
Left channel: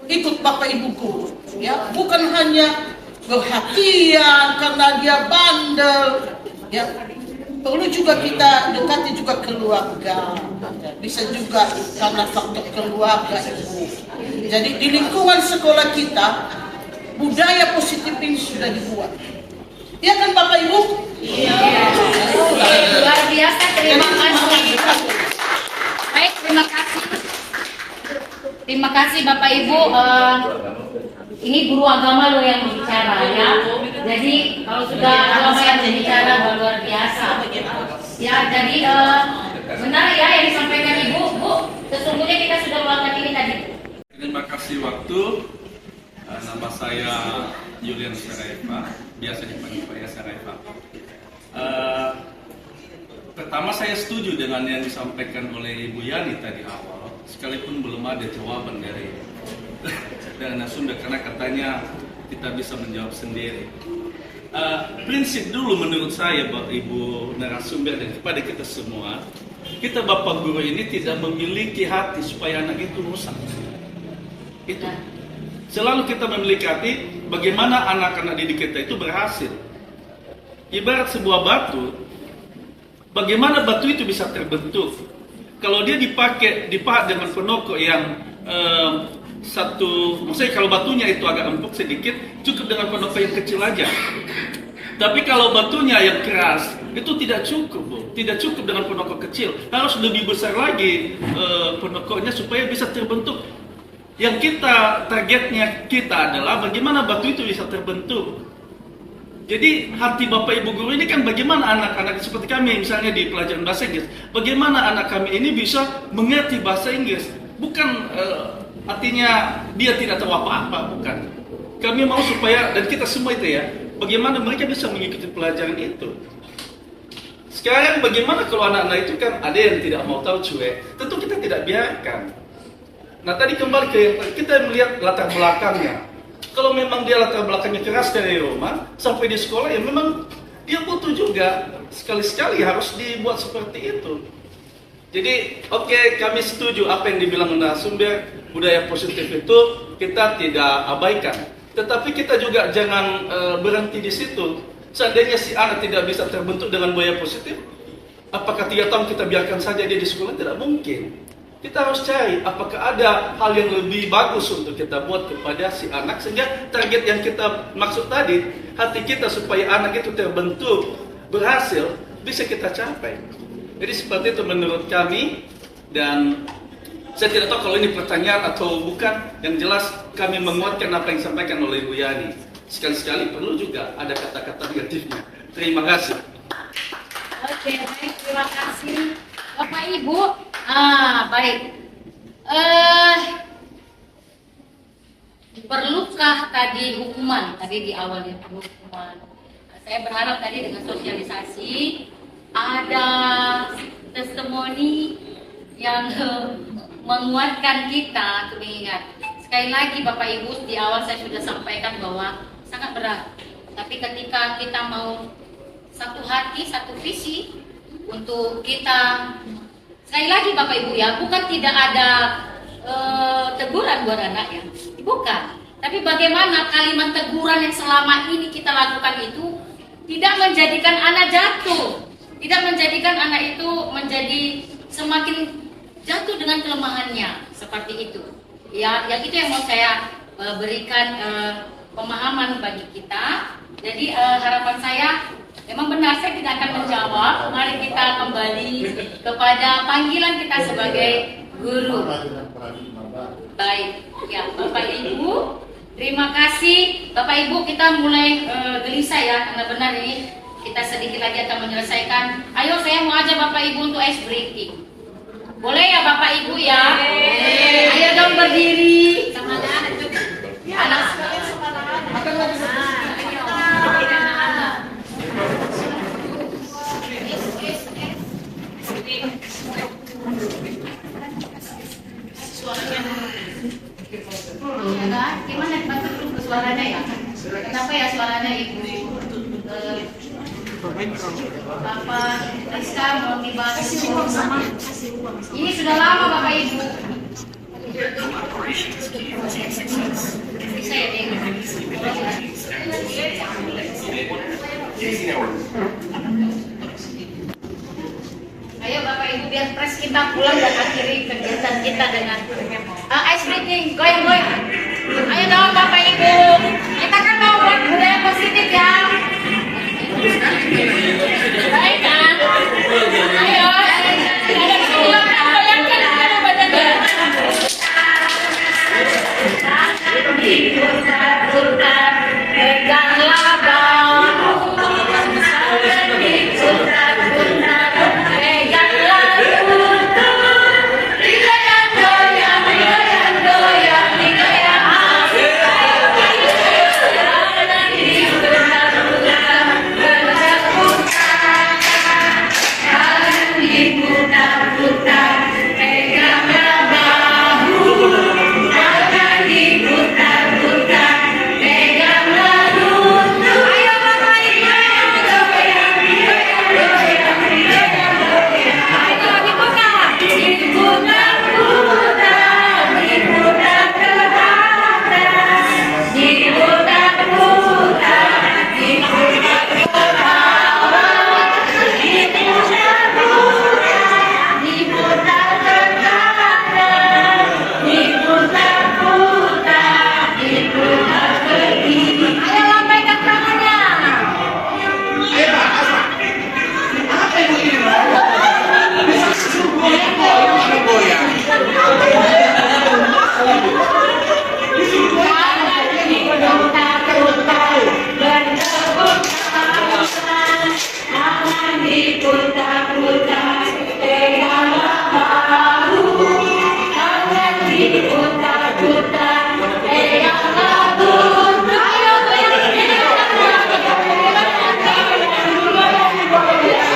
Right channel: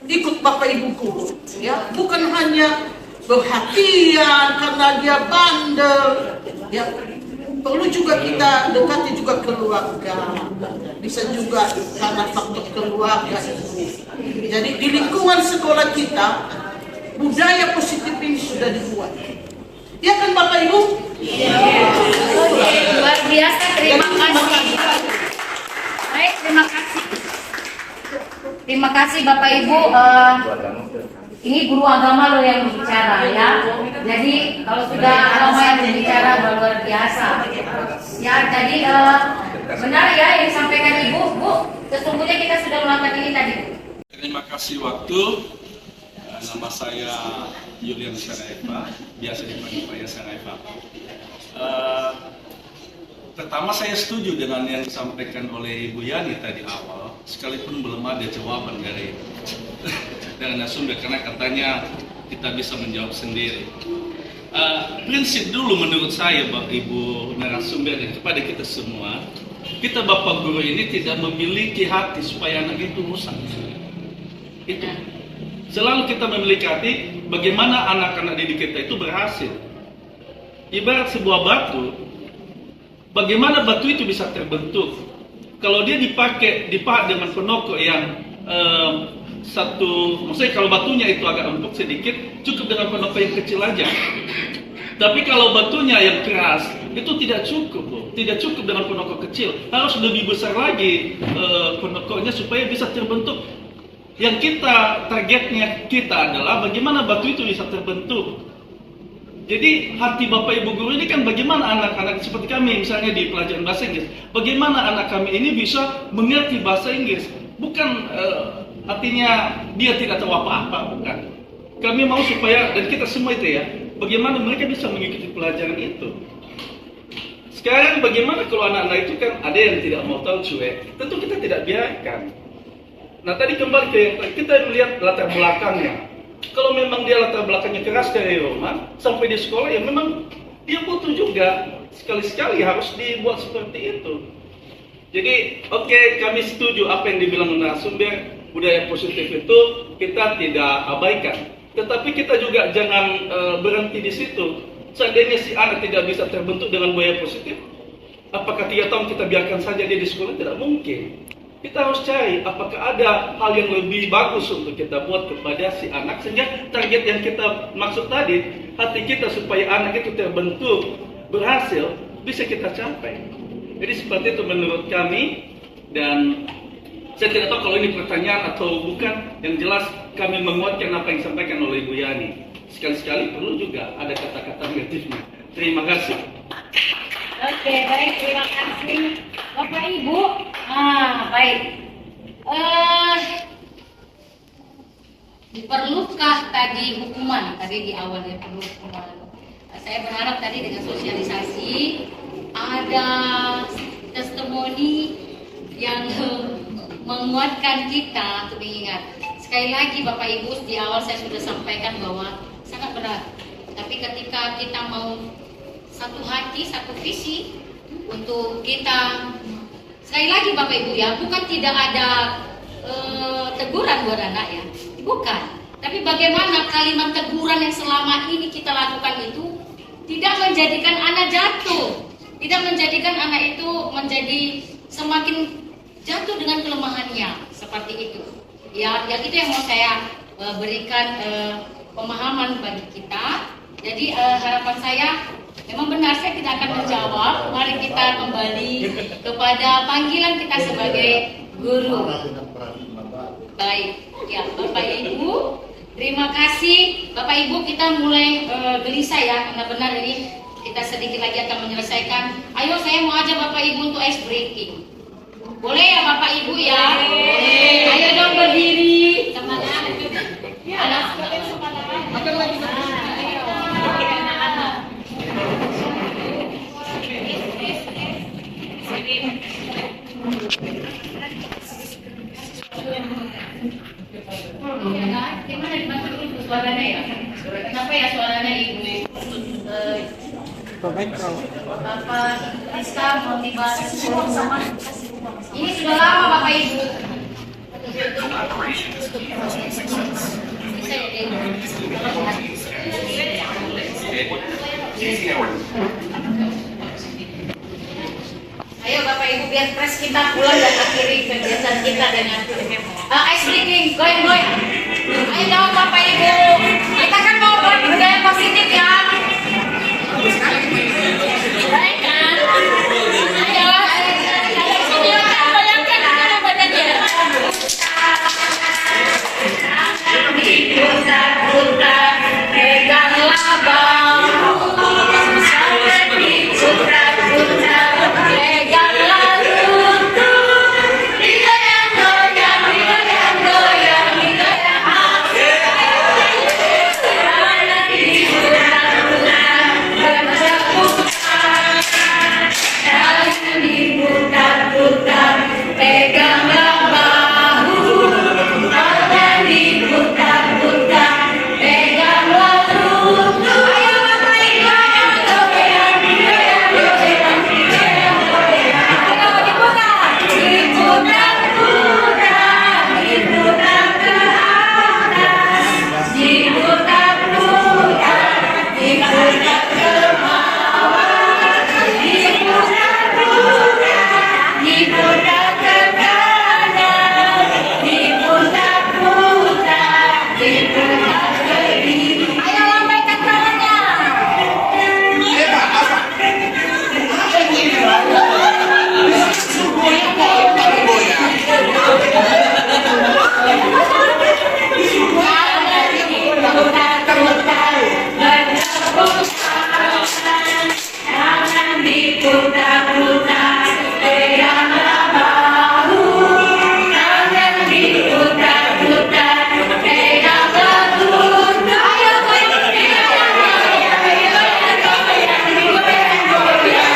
ikut Bapak Ibu guru. Ya, bukan hanya perhatian karena dia bandel. Ya, perlu juga kita dekati juga keluarga. Bisa juga karena faktor keluarga. Jadi di lingkungan sekolah kita budaya positif ini sudah dibuat. Ya kan Bapak Ibu? Iya. Luar biasa, terima kasih. Baik, terima kasih. Terima kasih Bapak Ibu. Ini guru agama loh yang berbicara ya. Jadi kalau sudah agama yang berbicara luar biasa. Ya, jadi benar ya yang disampaikan Ibu. Bu, sesungguhnya kita sudah melakukan ini tadi. Terima kasih waktu. Nama saya Julian Saraiva, biasa dipanggil Pak Saraiva. Pertama saya setuju dengan yang disampaikan oleh Ibu Yani tadi awal, sekalipun belum ada jawaban dari narasumber karena katanya kita bisa menjawab sendiri. Prinsip dulu menurut saya Ibu narasumber dan kepada kita semua, kita Bapak Guru ini tidak memiliki hati supaya anak itu rusak. Itu. Selalu kita memiliki hati bagaimana anak-anak didik kita itu berhasil. Ibarat sebuah batu, bagaimana batu itu bisa terbentuk? Kalau dia dipahat dengan penokok yang maksudnya kalau batunya itu agak empuk sedikit, cukup dengan penokok yang kecil aja. Tapi kalau batunya yang keras, itu tidak cukup, Bu. Tidak cukup dengan penokok kecil, harus lebih besar lagi penokoknya supaya bisa terbentuk. Yang targetnya kita adalah bagaimana batu itu bisa terbentuk. Jadi hati Bapak Ibu Guru ini kan bagaimana anak-anak seperti kami misalnya di pelajaran bahasa Inggris, bagaimana anak kami ini bisa mengerti bahasa Inggris. Bukan artinya dia tidak tahu apa-apa, bukan. Kami mau supaya, dan kita semua itu ya, bagaimana mereka bisa mengikuti pelajaran itu. Sekarang bagaimana kalau anak-anak itu kan ada yang tidak mau tahu cuek, tentu kita tidak biarkan. Nah tadi kembali ke yang kita melihat latar belakangnya. Kalau memang dia latar belakangnya keras dari rumah sampai di sekolah, ya memang dia butuh juga sekali-sekali harus dibuat seperti itu. Jadi oke, kami setuju apa yang dibilang narasumber, budaya positif itu kita tidak abaikan. Tetapi kita juga jangan berhenti di situ. Seandainya si anak tidak bisa terbentuk dengan budaya positif, apakah 3 tahun kita biarkan saja dia di sekolah? Tidak mungkin. Kita harus cari apakah ada hal yang lebih bagus untuk kita buat kepada si anak sehingga target yang kita maksud tadi, hati kita supaya anak itu terbentuk berhasil, bisa kita capai. Jadi seperti itu menurut kami, dan saya tidak tahu kalau ini pertanyaan atau bukan. Yang jelas kami menguatkan apa yang disampaikan oleh Ibu Yani. Sekali-sekali perlu juga ada kata-kata negatifnya. Terima kasih. Oke, baik, terima kasih Bapak Ibu. Baik. Perlukah tadi hukuman? Tadi di awal dia perlu hukuman. Saya berharap tadi dengan sosialisasi ada testimoni yang menguatkan kita untuk mengingat. Sekali lagi Bapak Ibu, di awal saya sudah sampaikan bahwa sangat berat. Tapi ketika kita mau satu hati, satu visi untuk kita, sekali lagi Bapak Ibu ya, bukan tidak ada teguran buat anak ya, bukan. Tapi bagaimana kalimat teguran yang selama ini kita lakukan itu tidak menjadikan anak jatuh, tidak menjadikan anak itu menjadi semakin jatuh dengan kelemahannya, seperti itu. Ya, yang itu yang mau saya berikan pemahaman bagi kita. Jadi harapan saya, memang benar saya tidak akan menjawab. Mari kita kembali kepada panggilan kita sebagai guru. Baik, ya Bapak Ibu, terima kasih. Bapak Ibu, kita mulai gelisah ya, karena benar ini kita sedikit lagi akan menyelesaikan. Ayo saya mau ajak Bapak Ibu untuk ice breaking. Boleh ya Bapak Ibu ya? Ayo dong berdiri. Semangat. Ya, semakin semangat. Gimana dibantu dulu suaranya ya? Kenapa ya suaranya Ibu? Bapak Rizka mau dibahas sama. Ini sudah lama Bapak Ibu. Bisa ya Ibu? Ayo Bapak Ibu, biar pres kita pulang dan akhiri kegiatan kita dengan ice breaking, going. Ayo dong Bapak Ibu, kita kan mau buat budaya positif ya. Baik kan? Ayo, ada video kan, bayangkan ada badannya. Diputar-putar, peganglah bahu. Diputar-putar, peganglah lutut. Digoyang-goyang, digoyang-goyang, digoyang hati. Diputar-putar, diputar-putar, peganglah bahu. Tangan diputar-putar, peganglah lutut. Ayo Bapak Ibu, goyang, goyang, goyang, goyang, goyang. Ayo dibuka. Diputar-putar, diputar ke atas. Diputar-putar, diputar ke bawah. Diputar-putar, diputar ke kanan. Diputar-putar, diputar ke kiri. Ayo lambaikan tangannya. Apa ini? Bisa suruh goyang. Tangan diputar-putar, peganglah bahu. Tangan diputar-putar, peganglah lutut. Ayo goyang, goyang, goyang.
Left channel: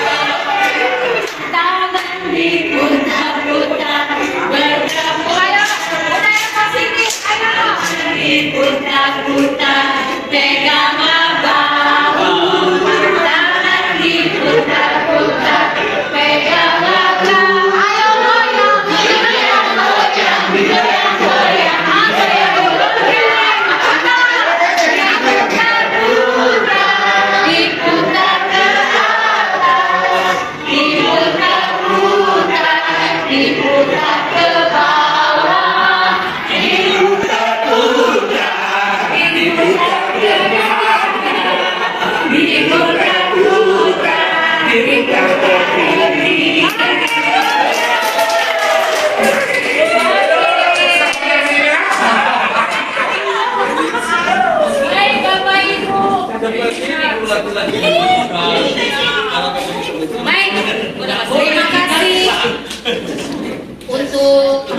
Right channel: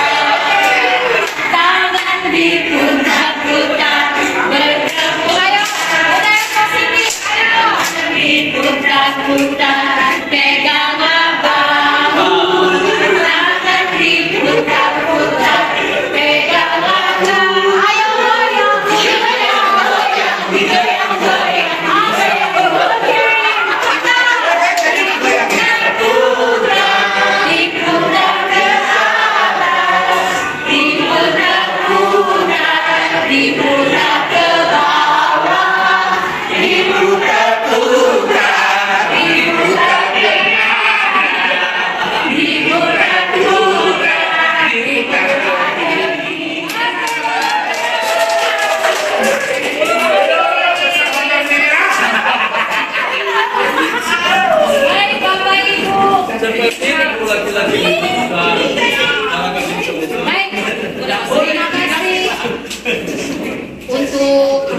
Tangan diputar-putar, bertepuk. Ayo, budaya positif, ayo. Diputar-putar, peganglah bahu. Tangan diputar-putar, peganglah lutut. Ayo goyang, goyang, goyang, goyang. Ayo goyang. Diputar ke atas, diputar-putar, diputar ke bawah. Diputar-putar, diputar ke Baik, terima kasih untuk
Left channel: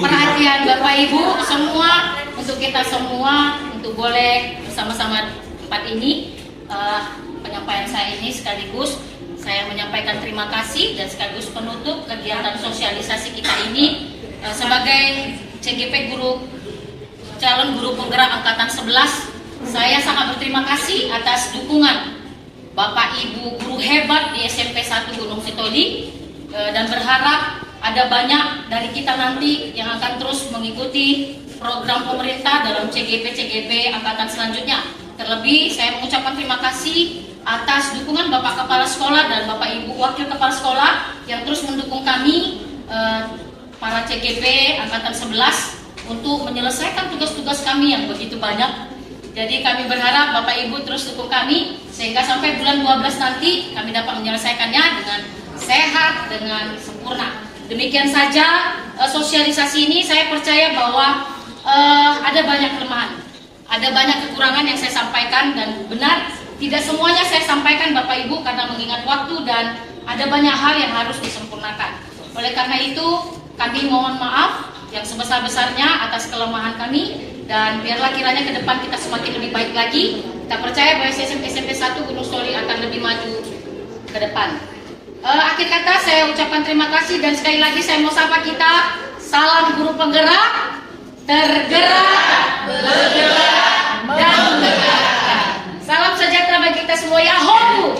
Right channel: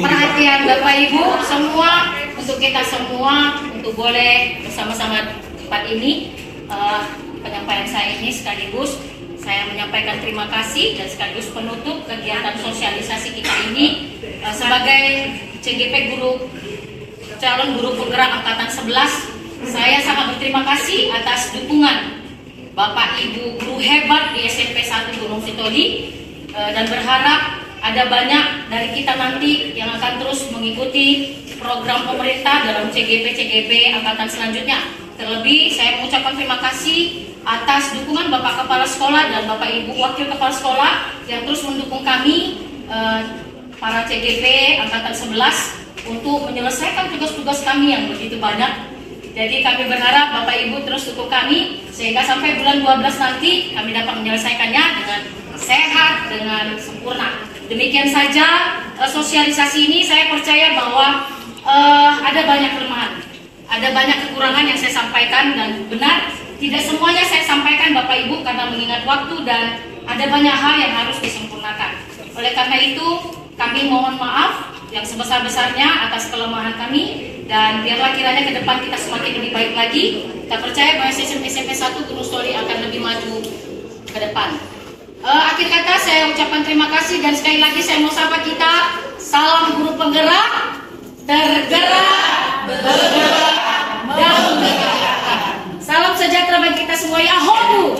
perhatian Bapak Ibu semua, untuk kita semua, untuk boleh bersama-sama di tempat ini. Penyampaian saya ini sekaligus saya menyampaikan terima kasih dan sekaligus penutup kegiatan sosialisasi kita ini sebagai CGP calon guru penggerak angkatan 11. Saya sangat berterima kasih atas dukungan Bapak Ibu guru hebat di SMP 1 Gunung Sitoli, dan berharap ada banyak dari kita nanti yang akan terus mengikuti program pemerintah dalam CGP angkatan selanjutnya. Terlebih saya mengucapkan terima kasih atas dukungan Bapak Kepala Sekolah dan Bapak Ibu Wakil Kepala Sekolah yang terus mendukung kami para CGP angkatan 11 untuk menyelesaikan tugas-tugas kami yang begitu banyak. Jadi kami berharap Bapak Ibu terus dukung kami sehingga sampai bulan 12 nanti kami dapat menyelesaikannya dengan sehat, dengan sempurna. Demikian saja sosialisasi ini. Saya percaya bahwa ada banyak kelemahan, ada banyak kekurangan yang saya sampaikan, dan benar tidak semuanya saya sampaikan Bapak Ibu karena mengingat waktu dan ada banyak hal yang harus disempurnakan. Oleh karena itu kami mohon maaf yang sebesar-besarnya atas kelemahan kami, dan biarlah kiranya ke depan kita semakin lebih baik lagi. Kita percaya bahwa SMP 1 Gunung Sitoli akan lebih maju ke depan. Akhir kata saya ucapkan terima kasih, dan sekali lagi saya mau sapa kita, salam guru penggerak, tergerak, bergerak, dan menggerakkan. Salam sejahtera bagi kita semua, Yahoo!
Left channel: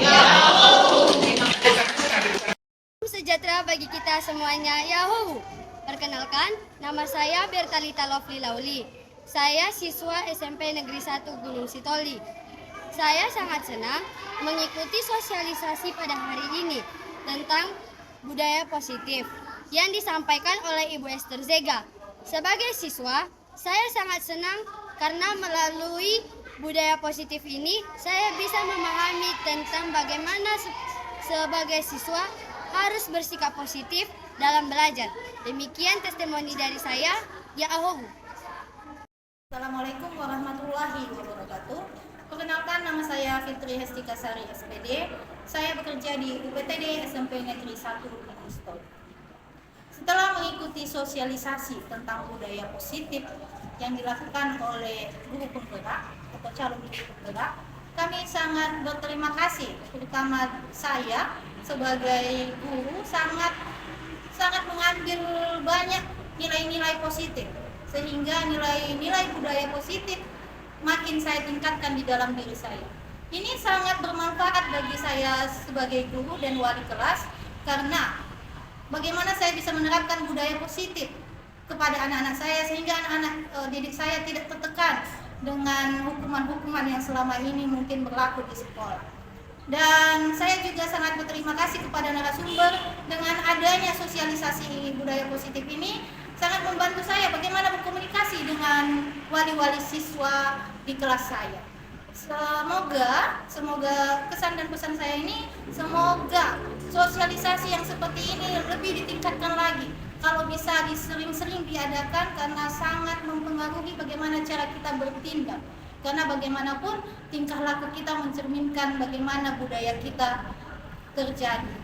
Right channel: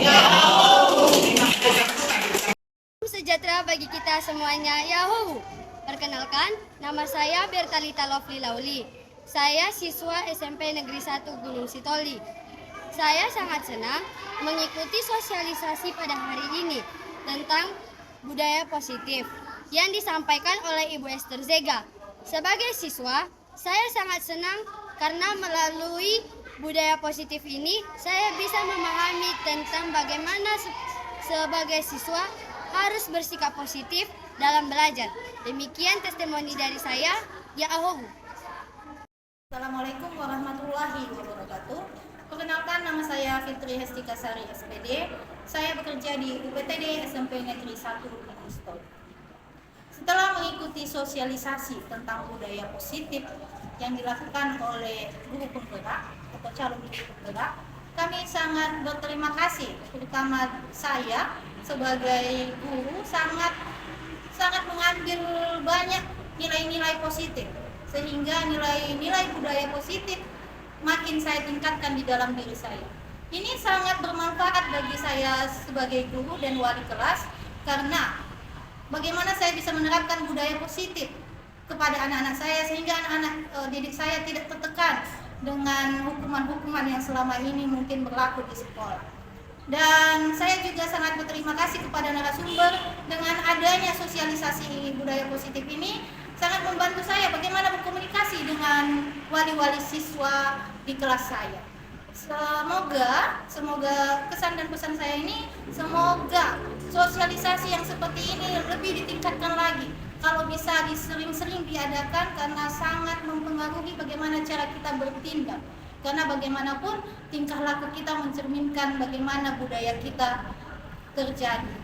Sejahtera bagi kita semuanya, Yahoo! Perkenalkan, nama saya Bertalita Lovely Lauli. Saya siswa SMP Negeri 1 Gunung Sitoli. Saya sangat senang mengikuti sosialisasi pada hari ini tentang budaya positif yang disampaikan oleh Ibu Esther Zega. Sebagai siswa, saya sangat senang karena melalui budaya positif ini saya bisa memahami tentang bagaimana sebagai siswa harus bersikap positif dalam belajar. Demikian testimoni dari saya, Yahoo! Assalamualaikum warahmatullahi wabarakatuh. Perkenalkan, nama saya Fitri Hestika Sari SPD. Saya bekerja di UPTD SMP Negeri 1 Gunung Sitoli. Setelah mengikuti sosialisasi tentang budaya positif yang dilakukan oleh guru penggerak atau calon guru penggerak, kami sangat berterima kasih, terutama saya sebagai guru sangat mengambil banyak nilai-nilai positif, sehingga nilai-nilai budaya positif makin saya tingkatkan di dalam diri saya. Ini sangat bermanfaat bagi saya sebagai guru dan wali kelas, karena bagaimana saya bisa menerapkan budaya positif kepada anak-anak saya sehingga anak-anak didik saya tidak tertekan dengan hukuman-hukuman yang selama ini mungkin berlaku di sekolah. Dan saya juga sangat berterima kasih kepada narasumber, dengan adanya sosialisasi budaya positif ini sangat membantu saya bagaimana berkomunikasi dengan wali-wali siswa di kelas saya. Semoga kesan dan pesan saya ini, semoga sosialisasi yang seperti ini lebih ditingkatkan lagi. Kalau bisa sering-sering diadakan, karena sangat mempengaruhi bagaimana cara kita bertindak. Karena bagaimanapun tingkah laku kita mencerminkan bagaimana budaya kita terjadi.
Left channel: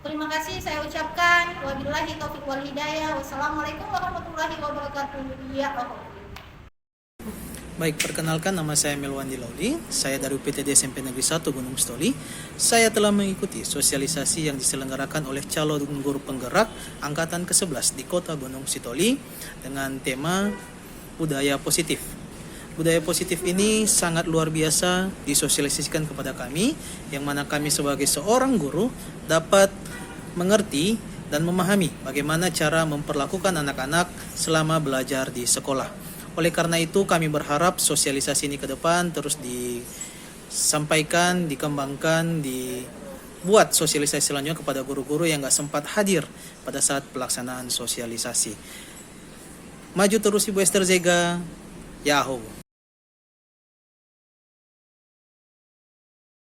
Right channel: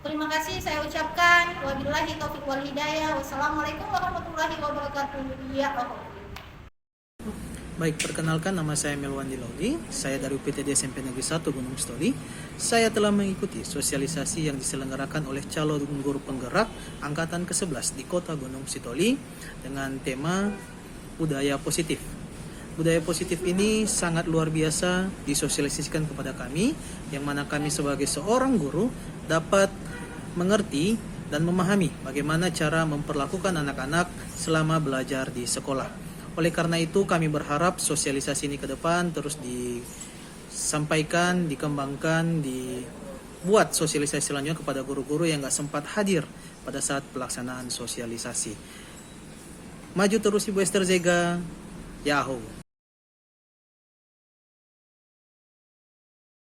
Terima kasih saya ucapkan. Wabillahi taufiq wal hidayah. Wassalamualaikum warahmatullahi wabarakatuh. Ya Allah. Baik, perkenalkan, nama saya Melwandi Lauli. Saya dari UPTD SMP Negeri 1 Gunung Sitoli. Saya telah mengikuti sosialisasi yang diselenggarakan oleh calon guru penggerak angkatan ke-11 di Kota Gunung Sitoli dengan tema budaya positif. Budaya positif ini sangat luar biasa disosialisasikan kepada kami, yang mana kami sebagai seorang guru dapat mengerti dan memahami bagaimana cara memperlakukan anak-anak selama belajar di sekolah. Oleh karena itu kami berharap sosialisasi ini ke depan terus disampaikan, dikembangkan, dibuat sosialisasi selanjutnya kepada guru-guru yang gak sempat hadir pada saat pelaksanaan sosialisasi. Maju terus Ibu Esther Zega, Yahoo!